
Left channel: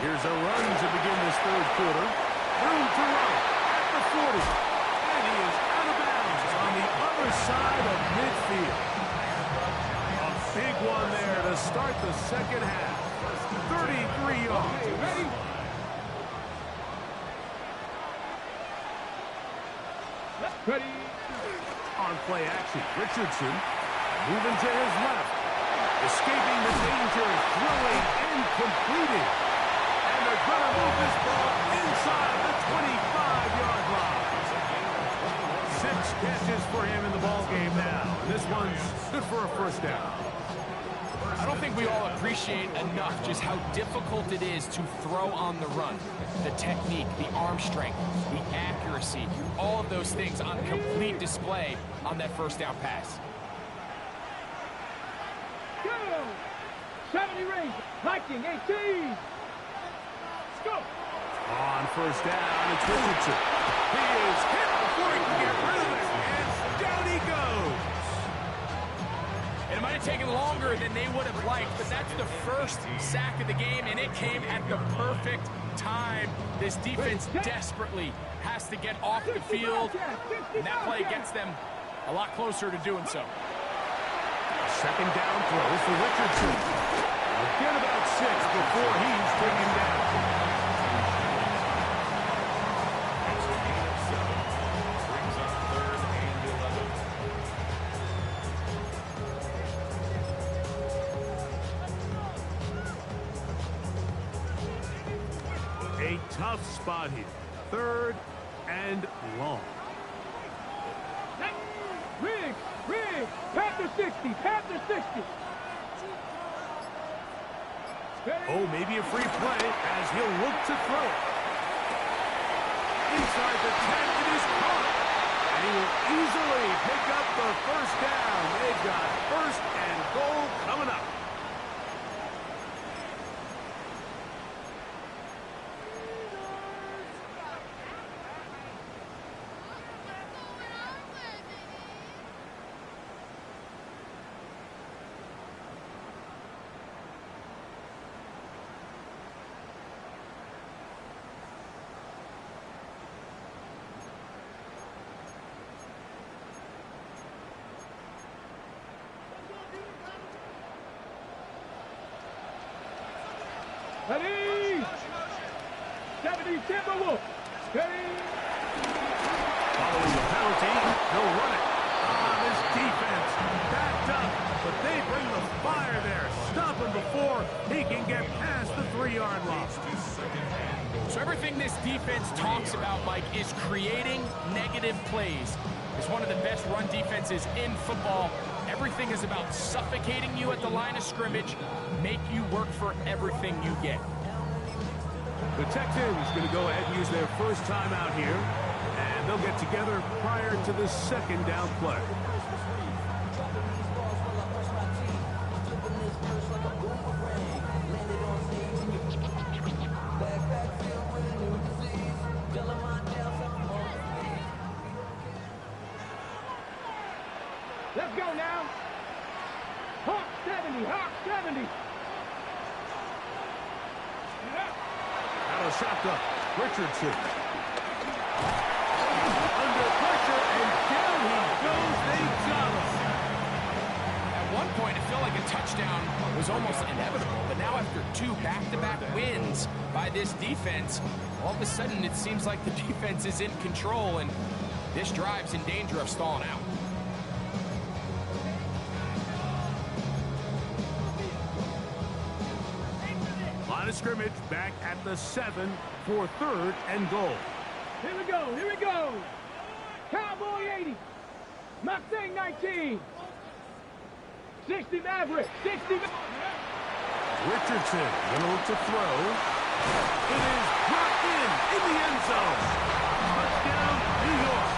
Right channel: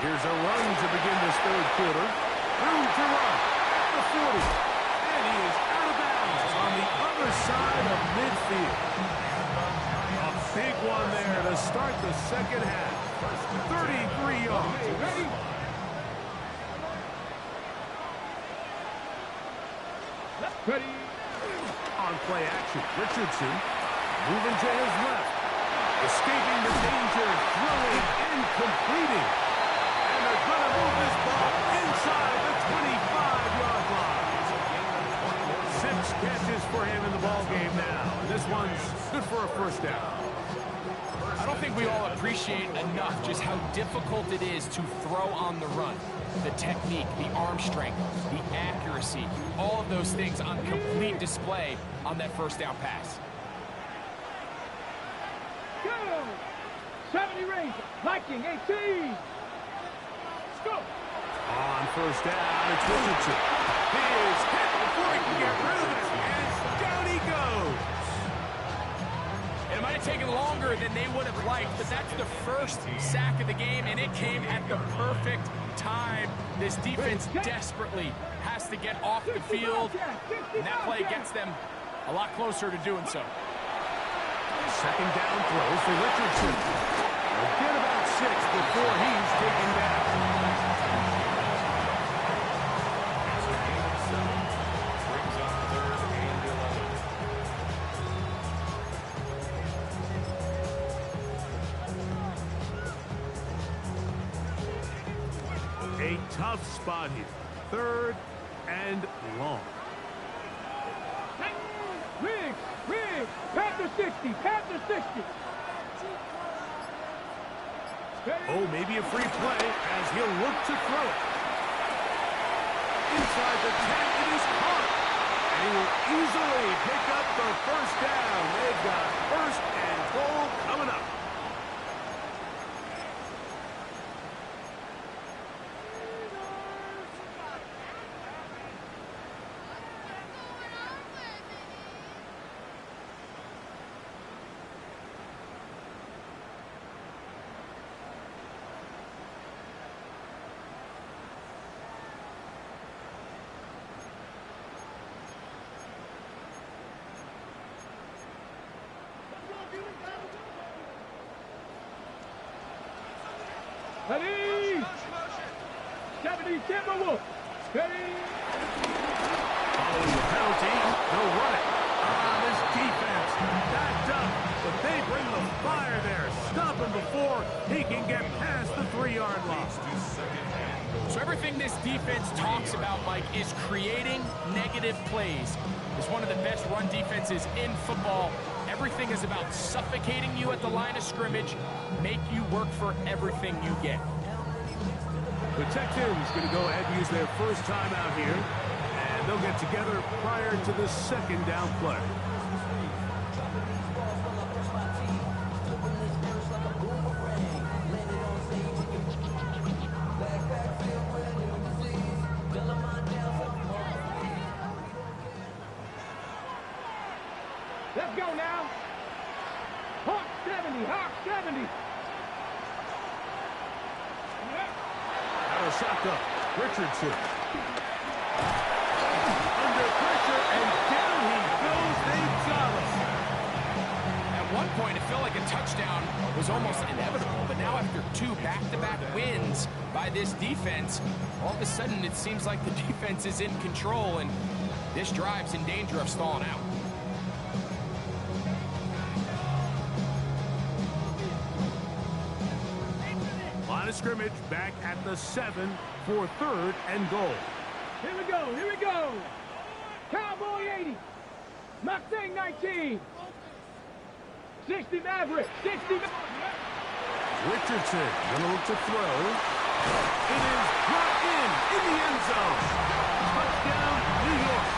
Here's a run to begin this third quarter. Room to run at the 40. And he is out of bounds on the other side of midfield. A big one there to start the second half. 33 yards. Okay, ready? Ready. On play action, Richardson moving to his left. Escaping the danger, throwing and completing. And they're going to move this ball inside the 25-yard line. 6 catches for him in the ball game now. And this one's good for a first down. I don't think we all appreciate enough just how difficult it is to throw on the run. The technique, the arm strength, the accuracy, all of those things on complete display on that first down pass. Go! 70 range, Viking 18. Let's go! On first down, it's Richardson. He is hit before he can get rid of it, and down he goes. And it might have taken longer than they would have liked, but that's the first sack of the game, and it came at the perfect time. This defense desperately has to get off the field, and that play gets them a lot closer to doing so. Second down throw for Richardson. He'll get about 6 before he's taken down. It's a gain of 7. Brings up 3rd and 11. A tough spot here. 3rd and long. Riggs, Panther 60, Panther 60. Oh, maybe a free play as he'll look to throw it. Inside the 10, it is caught. And he will easily pick up the first down. They've got 1st and goal coming up. Ready! 70 Timberwolf. Ready! Following the penalty, they'll run it. This defense backed up, but they bring the fire there. Stop him before he can get past the 3-yard line. So everything this defense talks about, Mike, is creating negative plays. It's one of the best run defenses in football. Everything is about suffocating you at the line of scrimmage, make you work for everything you get. The Texans going to go ahead and use their first time out here, and they'll get together prior to the 2nd down play. Let's go now. Hawk 70, Hawk 70. Out of the shotgun, Richardson. Under pressure, and down he goes. They've got him. At one point, it felt like a touchdown was almost inevitable, but now after 2 back-to-back wins by this defense, all of a sudden it seems like the defense is in control, and this drive's in danger of stalling out. Line of scrimmage back at the 7 for 3rd and goal. Here we go, here we go. Cowboy 80. Mustang 19. 60 Maverick, 60 Maverick. Richardson gonna look to throw. It is brought in the end zone. Touchdown, New York.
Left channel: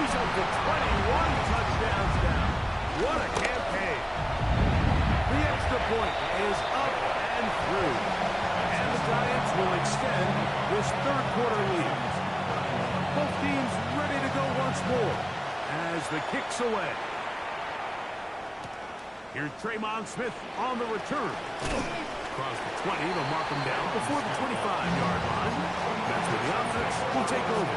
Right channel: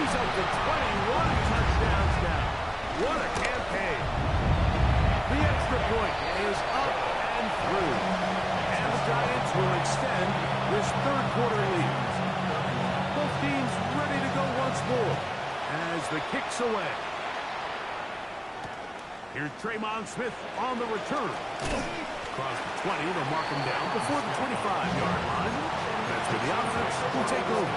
He's up to 21 touchdowns now. What a campaign. The extra point is up and through. And the Giants will extend this 3rd quarter lead. Both teams ready to go once more as the kick's away. Here's Tremon Smith on the return. Across the 20, they'll mark him down before the 25-yard line. That's where the offense will take over.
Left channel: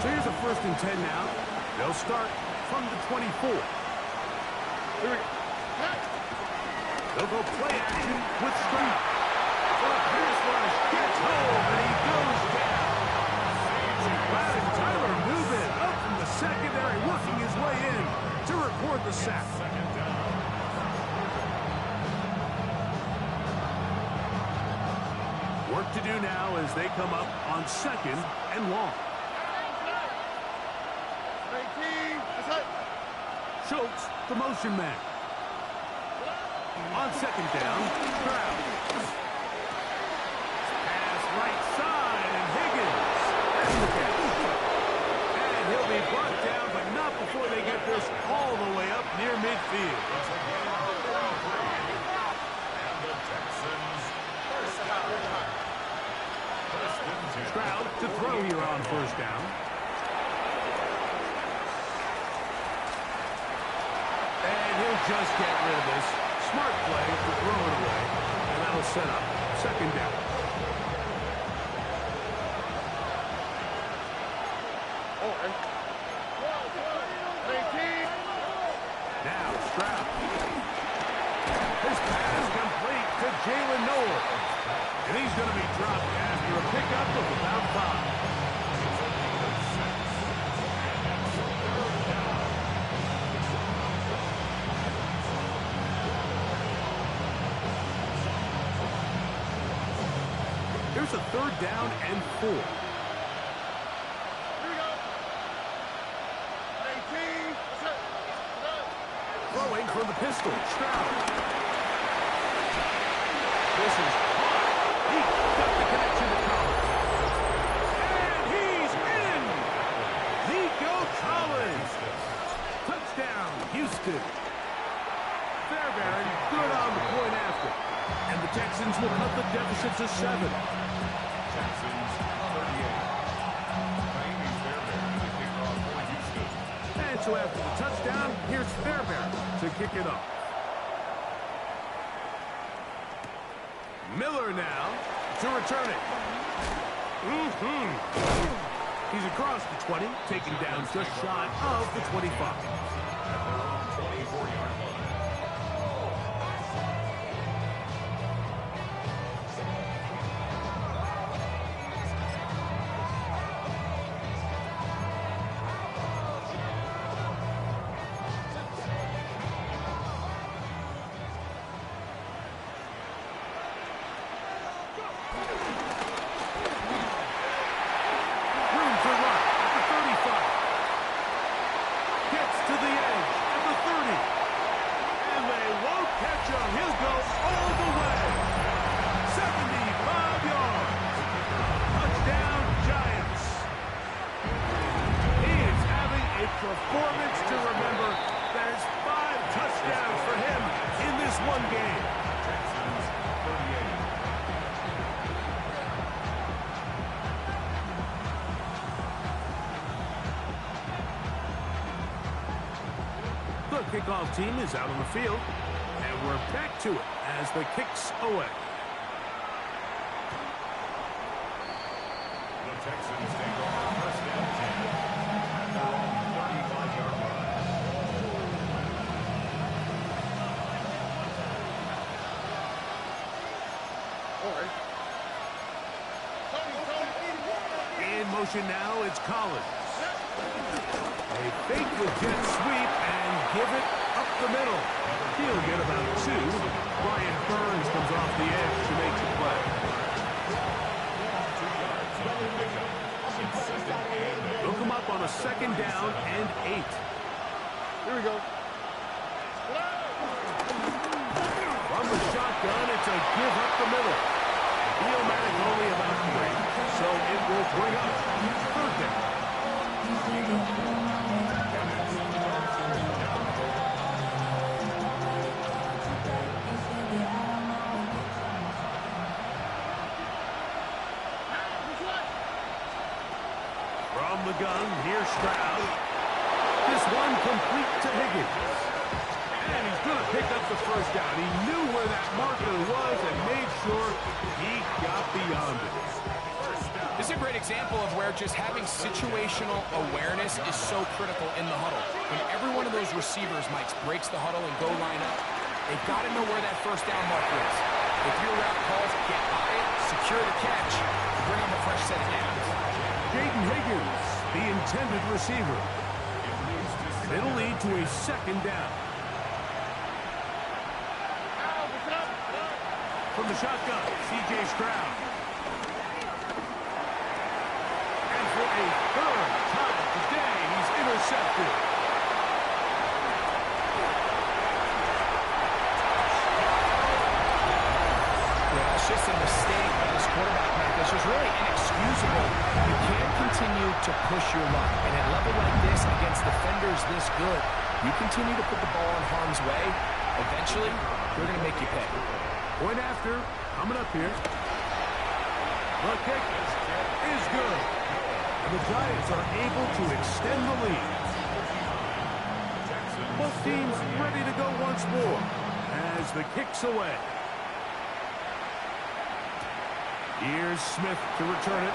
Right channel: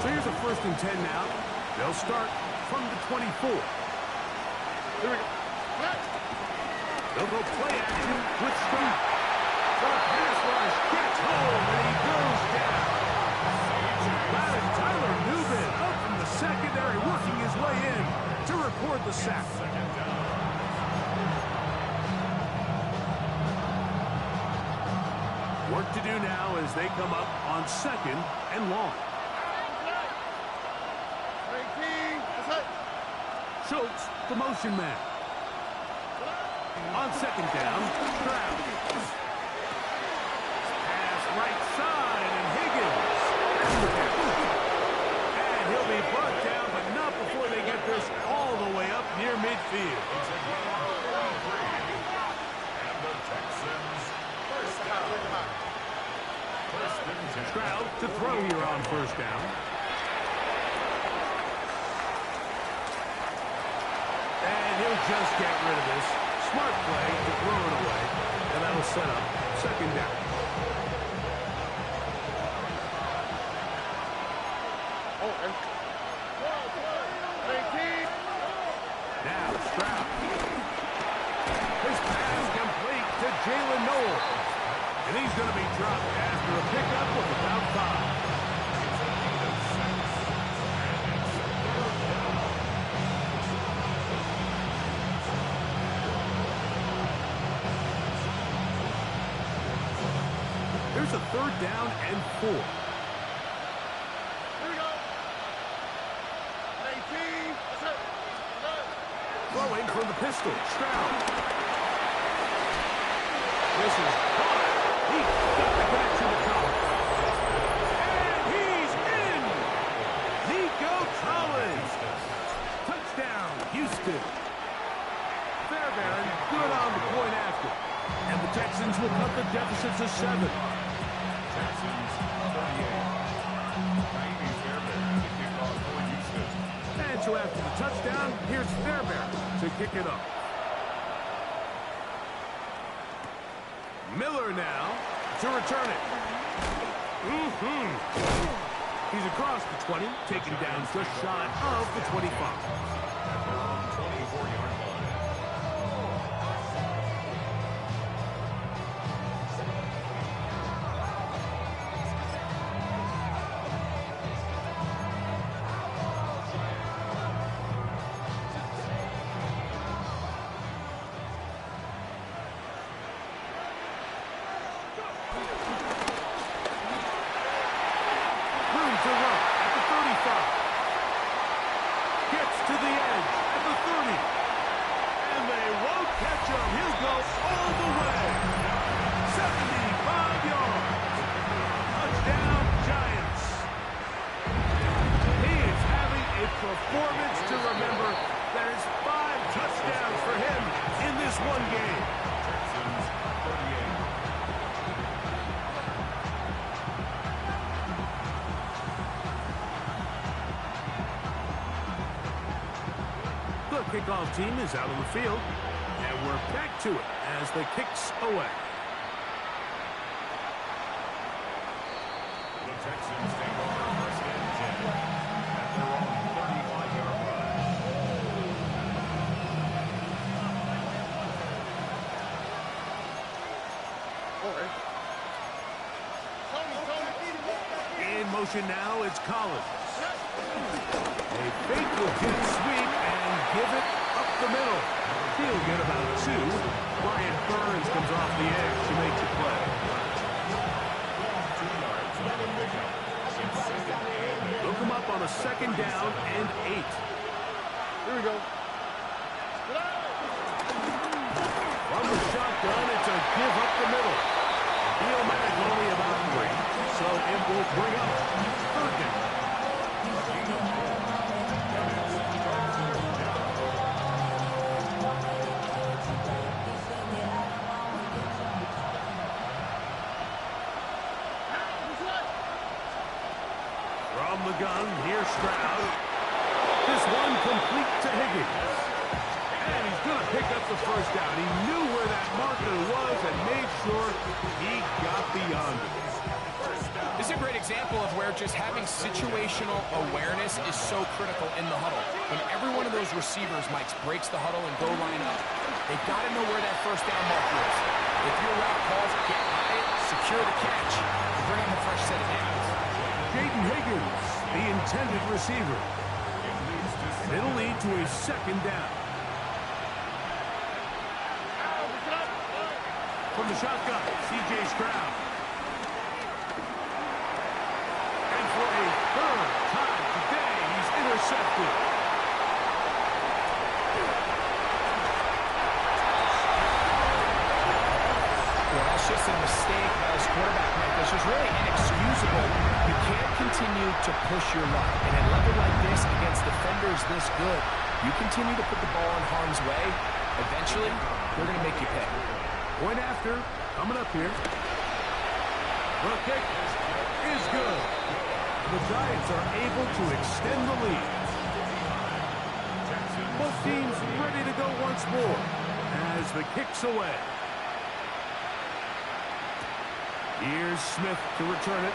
So here's a 1st and 10 now. They'll start from the 24. Here we go. They'll go play action with Stroud. So the pass rush gets home, and he goes down. Madden Tyler Newman up from the secondary, working his way in to record the sack. Work to do now as they come up on 2nd and long. 18, that's it. Schultz the motion man. On second down, Stroud. Pass right side, and Higgins. And he'll be brought down, but not before they get this all the way up near midfield. It's a gain of 33. And the Texans first down. First and 10. Stroud to throw here on first down. And he'll just get rid of this. Smart play to throw it away. And that'll set up second down. Now Stroud. His pass complete to Jalen Noel. And he's going to be dropped after a pickup of about 5. It's a gain of 6. And it's third down. Here's a third down and 4. Here we go. 18. That's it. Throwing from the pistol, Stroud. This is hard. He got the connection to Collins. And he's in! Nico Collins. Touchdown, Houston. Fairbairn good on the point after. And the Texans will cut the deficit to 7. Texans 38. Naimi Fairbairn to kick off for Houston. And so after the touchdown, here's Fairbairn to kick it off. Miller now to return it. He's across the 20, taken down just shy of the 25. At their own 24-yard line. Room to run at the 35. Gets to the edge at the 30. And they won't catch him. He'll go all the way. 75 yards. Touchdown, Giants. He is having a performance to remember. There's 5 touchdowns for him in this one game. Texans 38. The kickoff team is out on the field, and we're back to it as the kicks away. The Texans take over first and 10 at their own 35-yard line. In motion now, it's Collins. A fake with jet sweep and give it up the middle. He'll get about 2. Brian Burns comes off the edge to make the play. 2 yards on the pickup. It's second and 8. Look him up on a second down and 8. Here we go. From the shotgun, it's a give up the middle. Neomatic only about 3, so it will bring up third down. From the gun, here's Stroud. This one complete to Higgins. And he's going to pick up the first down. He knew where that marker was and made sure he got beyond it. This is a great example of where just having situational awareness is so critical in the huddle. When every one of those receivers, Mike, breaks the huddle and go line up, they've got to know where that first down marker is. If your route calls, get by it, secure the catch, and bring up a fresh set of downs. Jaden Higgins, the intended receiver. And it'll lead to a second down. From the shotgun, C.J. Stroud. And for a third time today, he's intercepted. just a mistake by this quarterback, Mike. This is really inexcusable. You can't continue to push your luck. And at a level like this, against defenders this good, you continue to put the ball in harm's way, eventually, they're going to make you pay. Point after, coming up here. The kick is good. And the Giants are able to extend the lead. Both teams ready to go once more as the kick's away. Here's Smith to return it.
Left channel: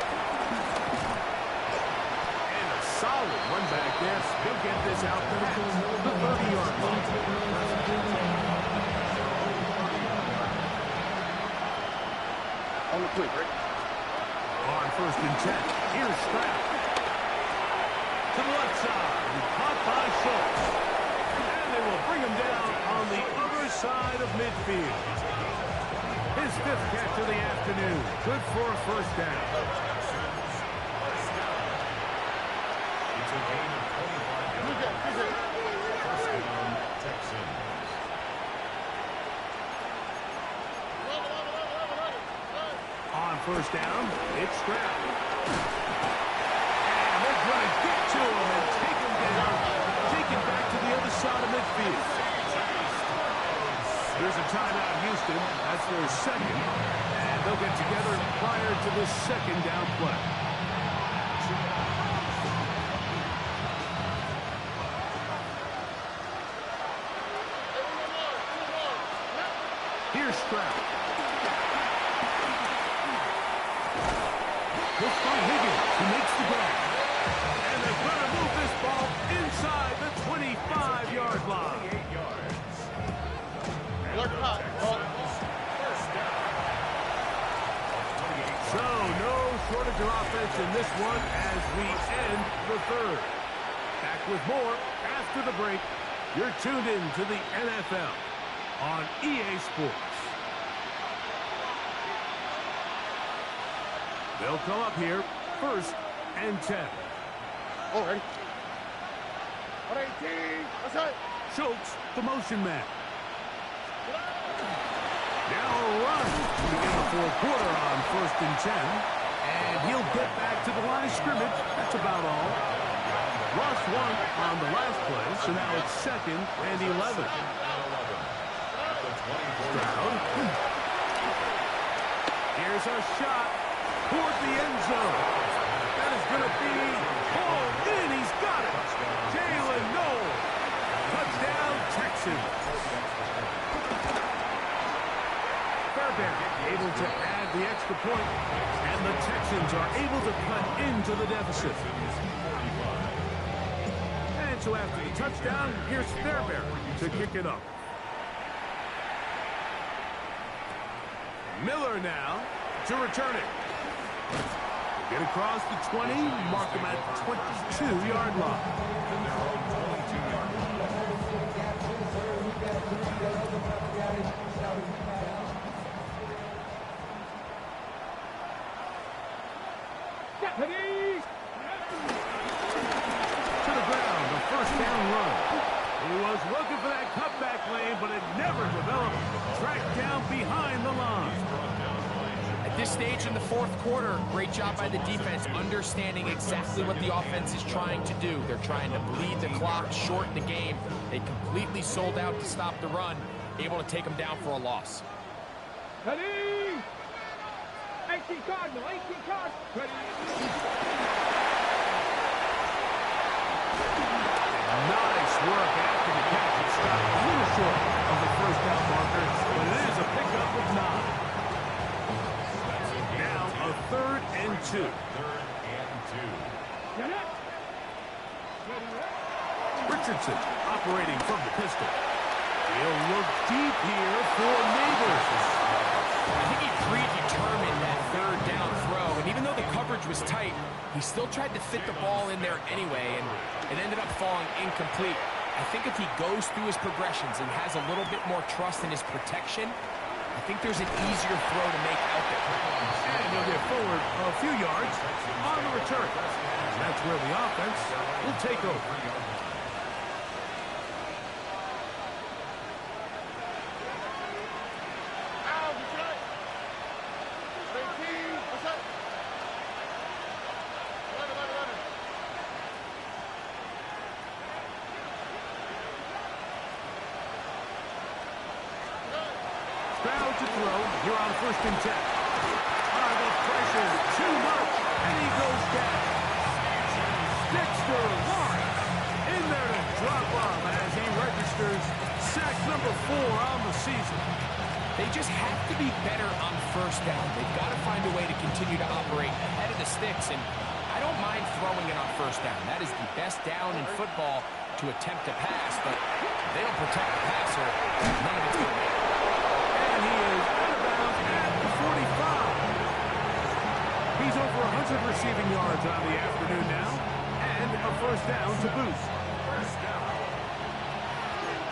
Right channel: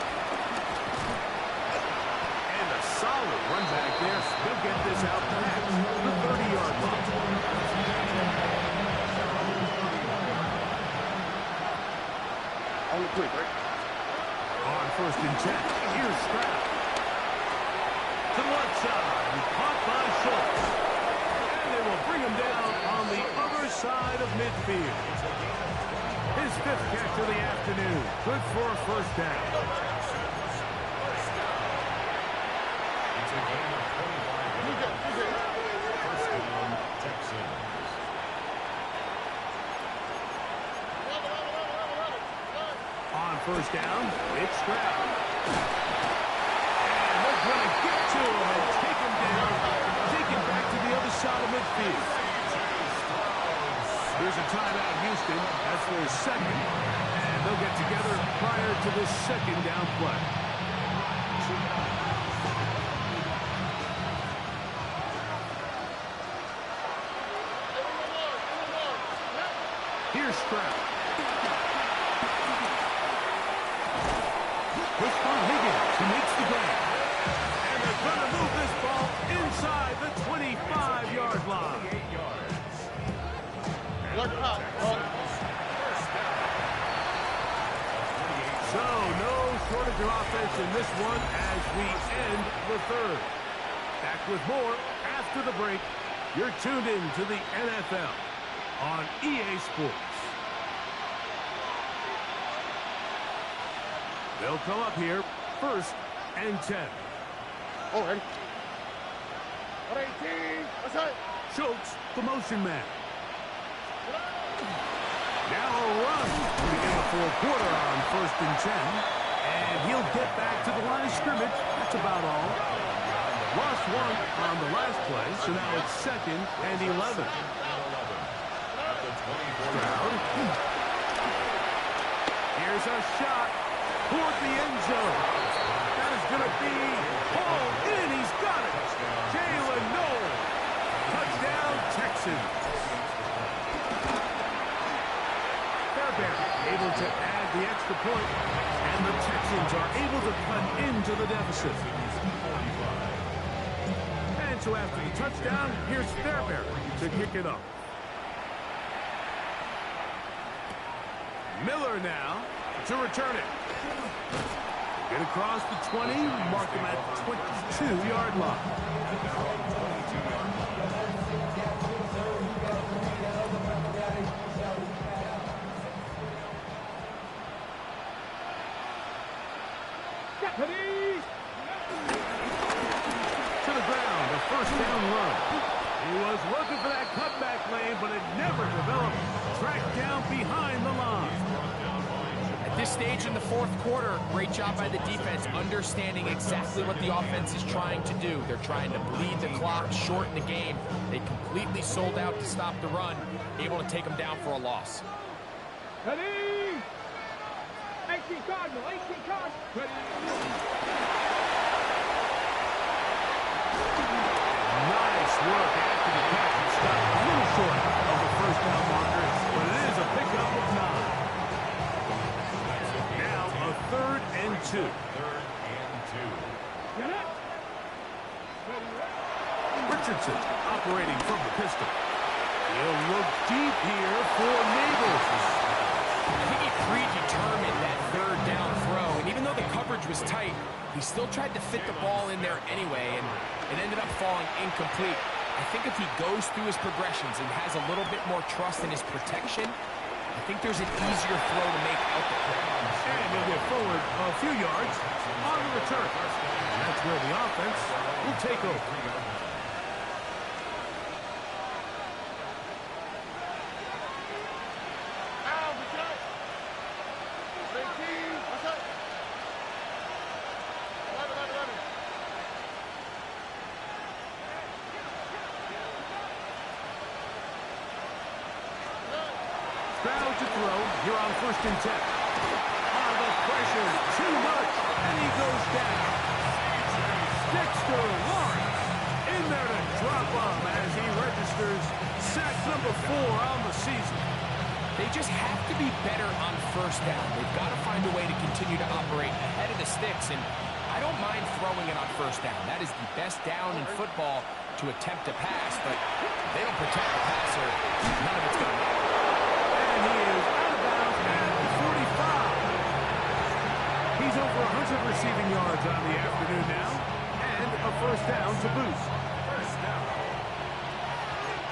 And a solid run back there. He'll get this out past the 30-yard line. On the quick, right? On 1st and 10. Here's Stroud. To the left side. And caught by Schultz. And they will bring him down on the other side of midfield. His 5th catch of the afternoon. Good for a 1st down. It's a gain of 25 yards. 1st down, Texans. On 1st down, it's Stroud. And they're going to get to him and take him down. Take him back to the other side of midfield. Here's a timeout, Houston. That's their 2nd. And they'll get together prior to this 2nd down play. Here's Stroud. He'll find Higgins, who makes the grab. And they're going to move this ball inside the 25-yard line. 28 yards. So, no shortage of offense in this one as we end the 3rd. Back with more after the break. You're tuned in to the NFL on EA Sports. They'll come up here, 1st and 10. All right. 118. That's it. Schultz, the motion man. Now a run to begin the 4th quarter on 1st and 10. And he'll get back to the line of scrimmage. That's about all. Lost 1 on the last play, so now it's 2nd and 11. Stroud. Here's a shot toward the end zone. That is going to be pulled in. He's got it. Jalen Noel. Touchdown, Texans. Fairbairn able to add the extra point, and the Texans are able to cut into the deficit. And so after the touchdown, here's Fairbairn to kick it up. Miller now to return it. Get across the 20, mark him at the 22-yard line. To the ground, a 1st down run. He was looking for that cutback lane, but it never developed. Tracked down behind the line. At this stage in the 4th quarter, great job by the defense, understanding exactly what the offense is trying to do. They're trying to bleed the clock, shorten the game. They completely sold out to stop the run, able to take them down for a loss. Ready? 18 Cardinal, 18 Cardinal. Ready? Nice work after the catch. It stopped a little short of the 1st down marker, but it is a pickup of 9. Now a 3rd and 2. 3rd and 2. Get it. Richardson operating from the pistol. He'll look deep here for Neighbors. I think he predetermined that 3rd down throw, and even though the coverage was tight, he still tried to fit the ball in there anyway, and it ended up falling incomplete. I think if he goes through his progressions and has a little bit more trust in his protection, I think there's an easier throw to make out there. And he'll get forward a few yards on the return. And that's where the offense will take over. Stroud to throw here on 1st and 10. The pressure, too much, and he goes down. Dexter Lawrence in there to drop him as he registers sack number 4 on the season. They just have to be better on 1st down. They've got to find a way to continue to operate ahead of the sticks, and I don't mind throwing it on 1st down. That is the best down in football to attempt to pass, but if they don't protect the passer, none of it's going to matter. And he is out of bounds at the 45. He's over 100 receiving yards on the afternoon now, and a 1st down to boot. 1st down.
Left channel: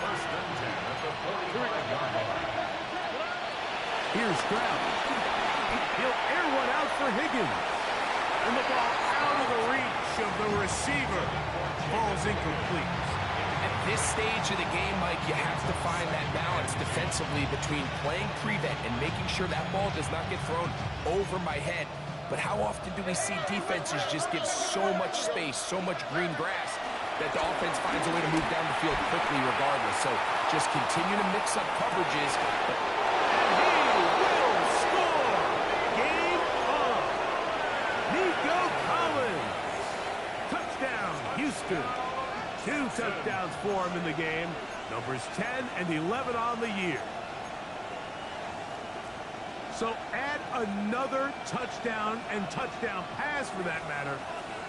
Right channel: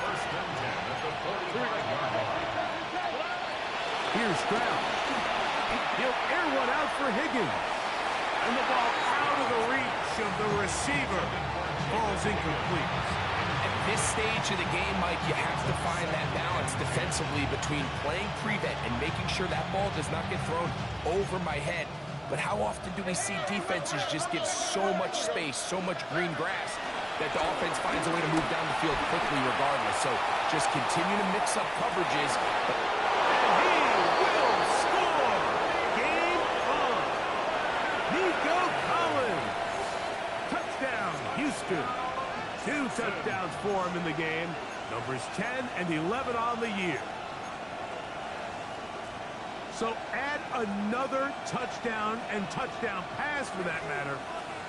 1st and 10 at the 45-yard line. Here's Stroud. He'll air one out for Higgins. And the ball out of the reach of the receiver. Ball's incomplete. At this stage of the game, Mike, you have to find that balance defensively between playing prevent and making sure that ball does not get thrown over my head. But how often do we see defenses just give so much space, so much green grass, that the offense finds a way to move down the field quickly regardless? So just continue to mix up coverages. And he will score! Game on! Nico Collins! Touchdown, Houston! 2 touchdowns for him in the game. Numbers 10 and 11 on the year. So add another touchdown and touchdown pass for that matter.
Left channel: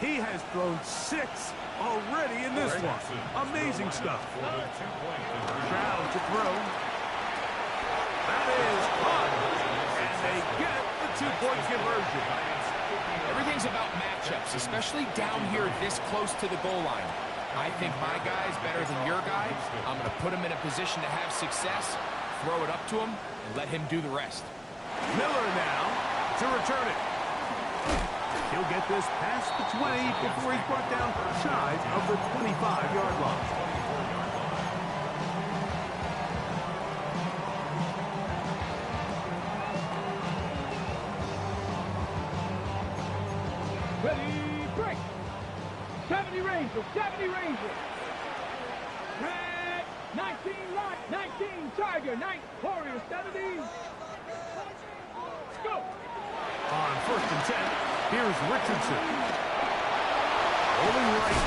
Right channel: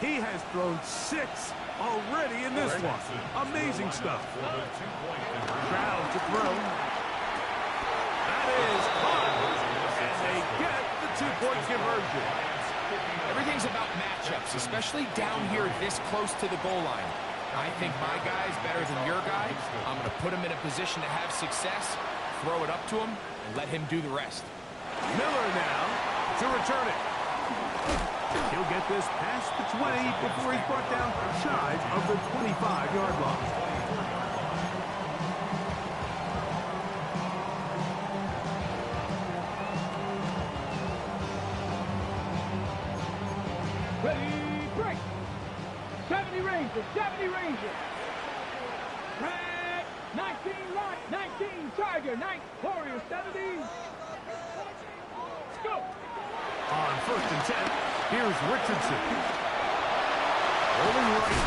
He has thrown 6 already in this one. Amazing stuff. Stroud to throw. That is caught. And they get the 2-point conversion. Everything's about matchups, especially down here this close to the goal line. I think my guy's better than your guy. I'm going to put him in a position to have success, throw it up to him, and let him do the rest. Miller now to return it. He'll get this past the 20 before he's brought down shy of the 25-yard line. Ready, break. 70 Rangers, 70 Rangers. Red, 19 Light, 19 Tiger, 9 Warriors, 70. Let's go. On 1st and 10, here's Richardson. Rolling right.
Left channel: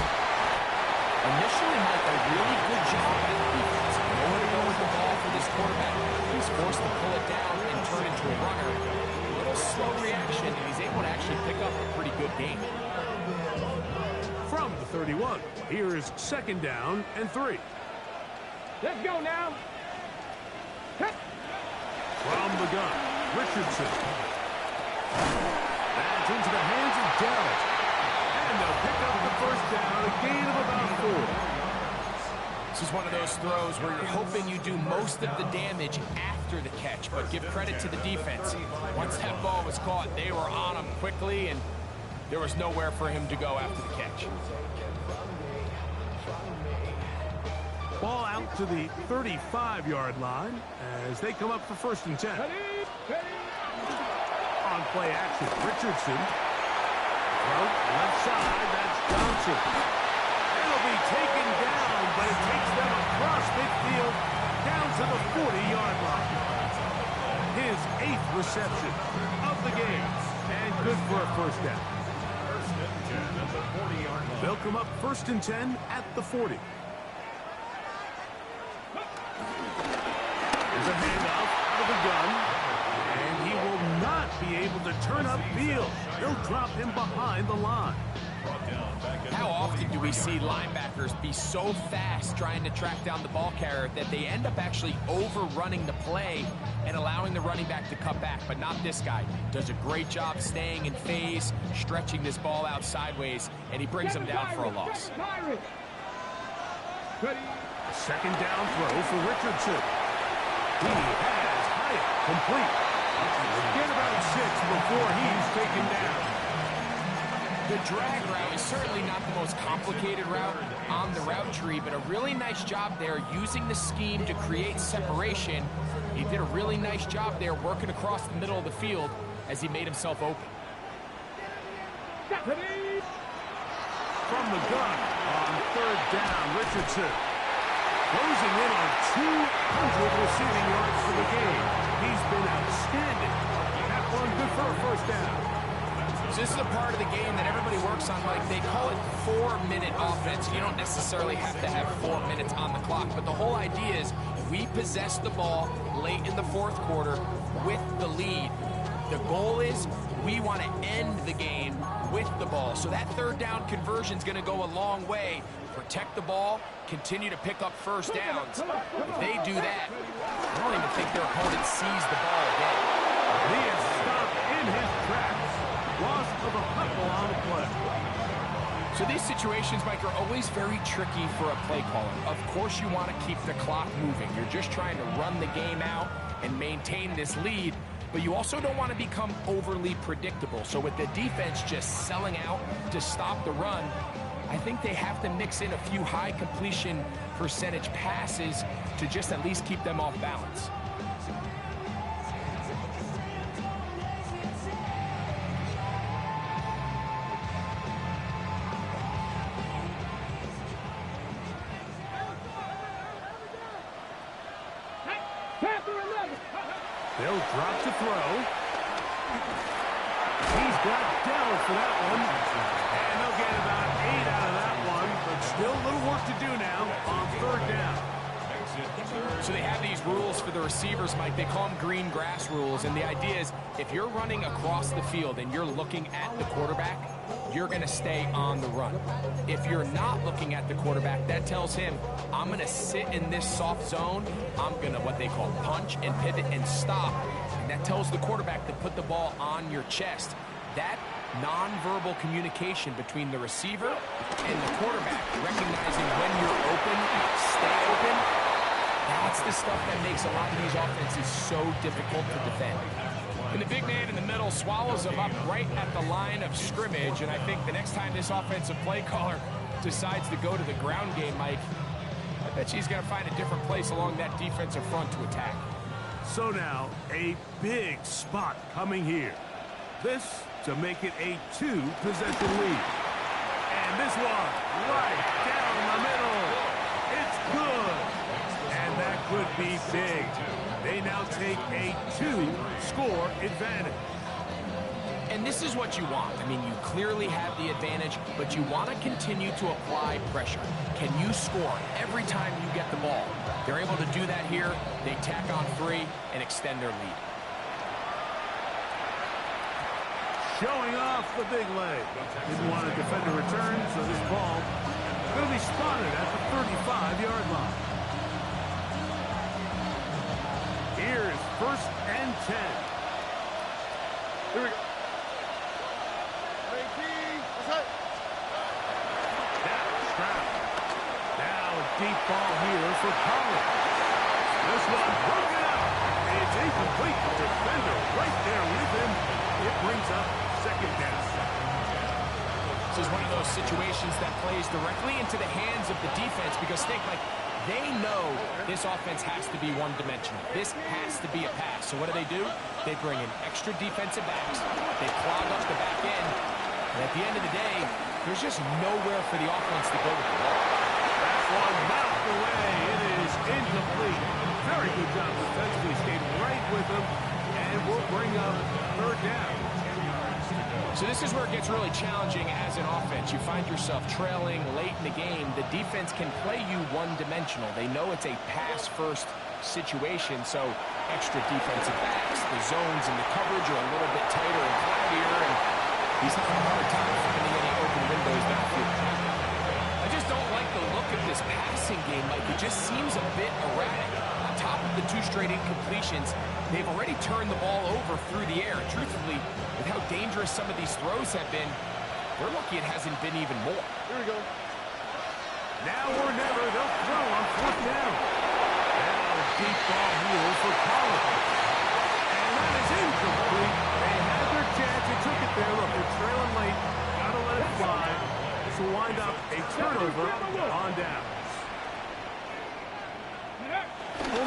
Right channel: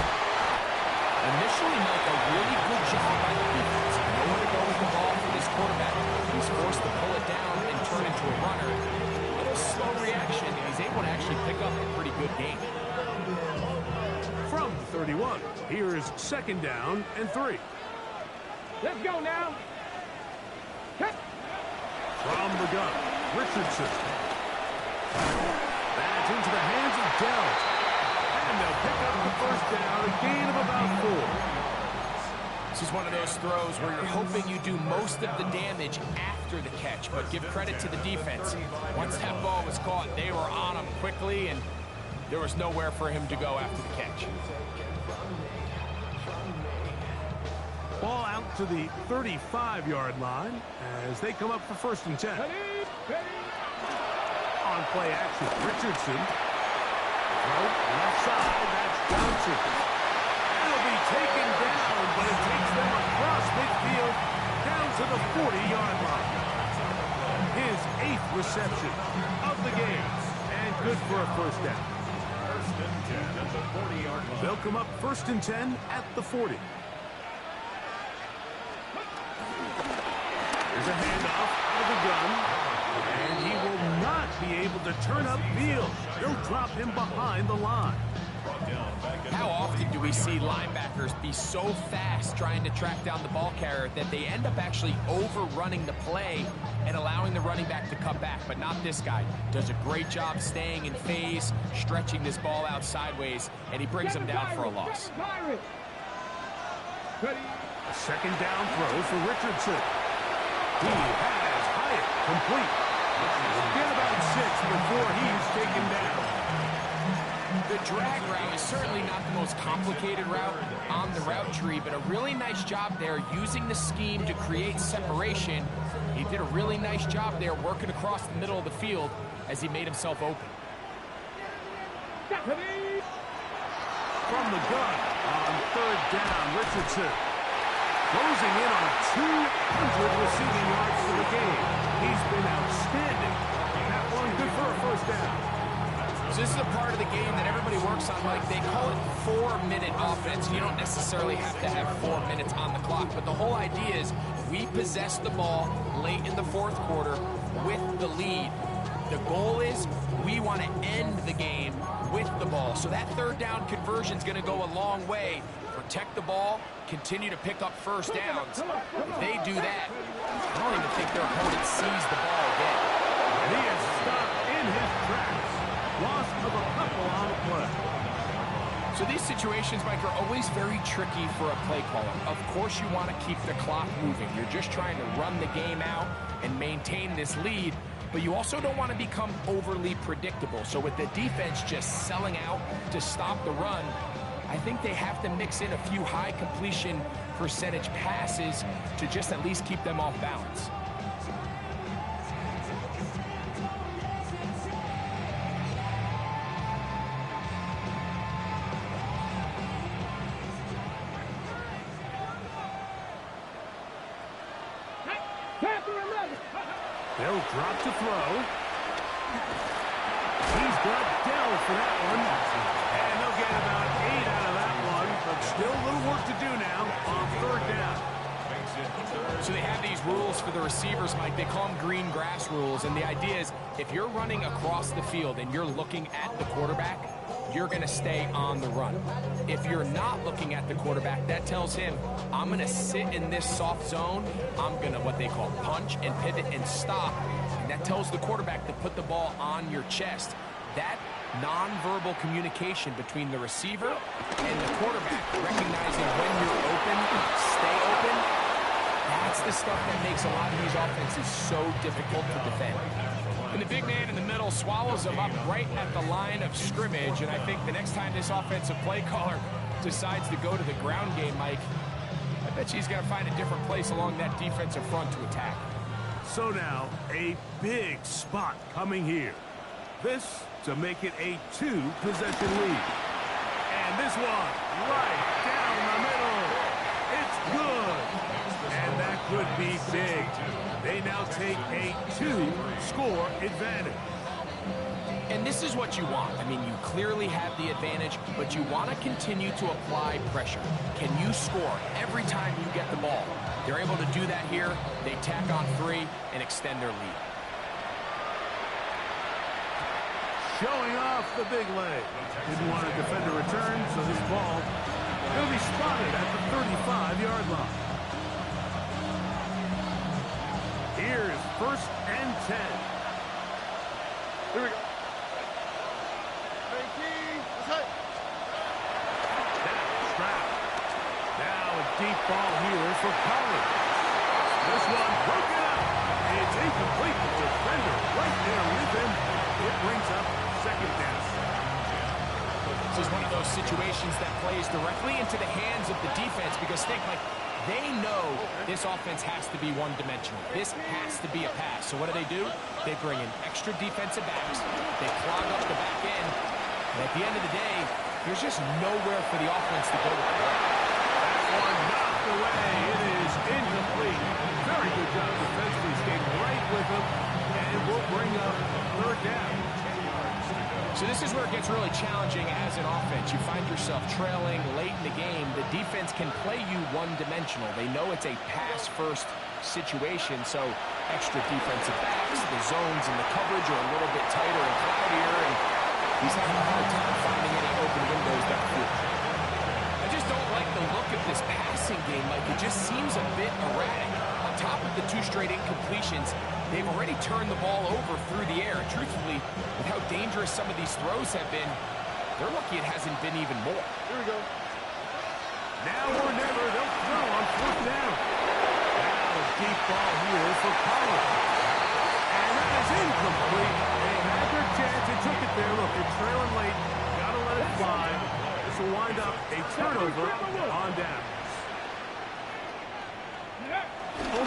Initially, Mike, a really good job by the defense. Nowhere to go with the ball for this quarterback. He's forced to pull it down and turn into a runner. A little slow reaction, and he's able to actually pick up a pretty good game. From the 31, here's 2nd down and 3. Let's go now. Hit. From the gun, Richardson. That's into the hands of Dell. And they'll pick up the 1st down, a gain of about 4. This is one of those throws where you're hoping you do most of the damage after the catch, but give credit to the defense. Once that ball was caught, they were on him quickly, and there was nowhere for him to go after the catch. Ball out to the 35-yard line as they come up for 1st and 10. On play action, Richardson. Throw, left side, that's Johnson. It'll be taken down, but it takes them across midfield down to the 40-yard line. His 8th reception of the game, and good for a 1st down. 1st and 10 at the 40-yard line. They'll come up 1st and 10 at the 40. Here's a handoff out of the gun. And he will not be able to turn up field. They'll drop him behind the line. How often do we see linebackers be so fast trying to track down the ball carrier that they end up actually overrunning the play and allowing the running back to cut back? But not this guy. Does a great job staying in phase, stretching this ball out sideways, and he brings him down for a loss. A 2nd down throw for Richardson. He has Hyatt complete. He'll get about 6 before he's taken down. The drag route is certainly not the most complicated route on the route tree, but a really nice job there using the scheme to create separation. He did a really nice job there working across the middle of the field as he made himself open. From the gun on 3rd down, Richardson closing in on 200 receiving yards for the game. He's been outstanding. That one good for a first down. So this is a part of the game that everybody works on, Mike. They call it 4-minute offense. You don't necessarily have to have 4 minutes on the clock, but the whole idea is we possess the ball late in the fourth quarter with the lead. The goal is we want to end the game with the ball. So that third down conversion is going to go a long way. Protect the ball, continue to pick up first downs. If they do that, I don't even think their opponent sees the ball again. And he is stopped in his tracks. Loss of a couple on the play. So these situations, Mike, are always very tricky for a play caller. Of course you want to keep the clock moving. You're just trying to run the game out and maintain this lead, but you also don't want to become overly predictable. So with the defense just selling out to stop the run, I think they have to mix in a few high completion percentage passes to just at least keep them off balance. They'll drop to throw. He's got Dell for that one. And they'll get about 8 out of that one, but still a little work to do now on third down. So they have these rules for the receivers, Mike. They call them green grass rules, and the idea is if you're running across the field and you're looking at the quarterback, you're going to stay on the run. If you're not looking at the quarterback, that tells him, I'm going to sit in this soft zone. I'm going to, what they call, punch and pivot and stop. And that tells the quarterback to put the ball on your chest. That nonverbal communication between the receiver and the quarterback, recognizing when you're open, stay open, that's the stuff that makes a lot of these offenses so difficult to defend. And the big man in the middle swallows him up right at the line of scrimmage, and I think the next time this offensive play caller decides to go to the ground game, Mike, I bet he's going to find a different place along that defensive front to attack. So now, a big spot coming here. This to make it a 2-possession lead. And this one, right down the middle. It's good. And that could be big. They now take a 2-score advantage. And this is what you want. I mean, you clearly have the advantage, but you want to continue to apply pressure. Can you score every time you get the ball? They're able to do that here. They tack on 3 and extend their lead. Showing off the big leg. Didn't want to defend a return, so this ball going to be spotted at the 35-yard line. Here's 1st and 10. Here we go. 19. That's it. Now, Stroud. Now a deep ball here for Collins. This one broken up. It's incomplete. The defender right there with him. It brings up 2nd down. This is one of those situations that plays directly into the hands of the defense because think, like, they know this offense has to be one-dimensional. This has to be a pass. So what do? They bring in extra defensive backs. They clog up the back end. And at the end of the day, there's just nowhere for the offense to go with the ball. That one knocked away. It is incomplete. Very good job defensively. Stayed right with them. And will bring up 3rd down. So this is where it gets really challenging as an offense. You find yourself trailing late in the game. The defense can play you one-dimensional. They know it's a pass-first situation, so extra defensive backs, the zones and the coverage are a little bit tighter and cloudier, and he's having a hard time finding any open windows downfield. I just don't like the look of this passing game, Mike. It just seems a bit erratic. On top of the 2 straight incompletions, they've already turned the ball over through the air. And truthfully, with how dangerous some of these throws have been, they're lucky it hasn't been even more. Here we go. Now or never, they'll throw on 4th down. Now a deep ball here for Collins. And that is incomplete. They had their chance. They took it there. Look, they're trailing late. Got to let it fly. This will wind up a turnover on down.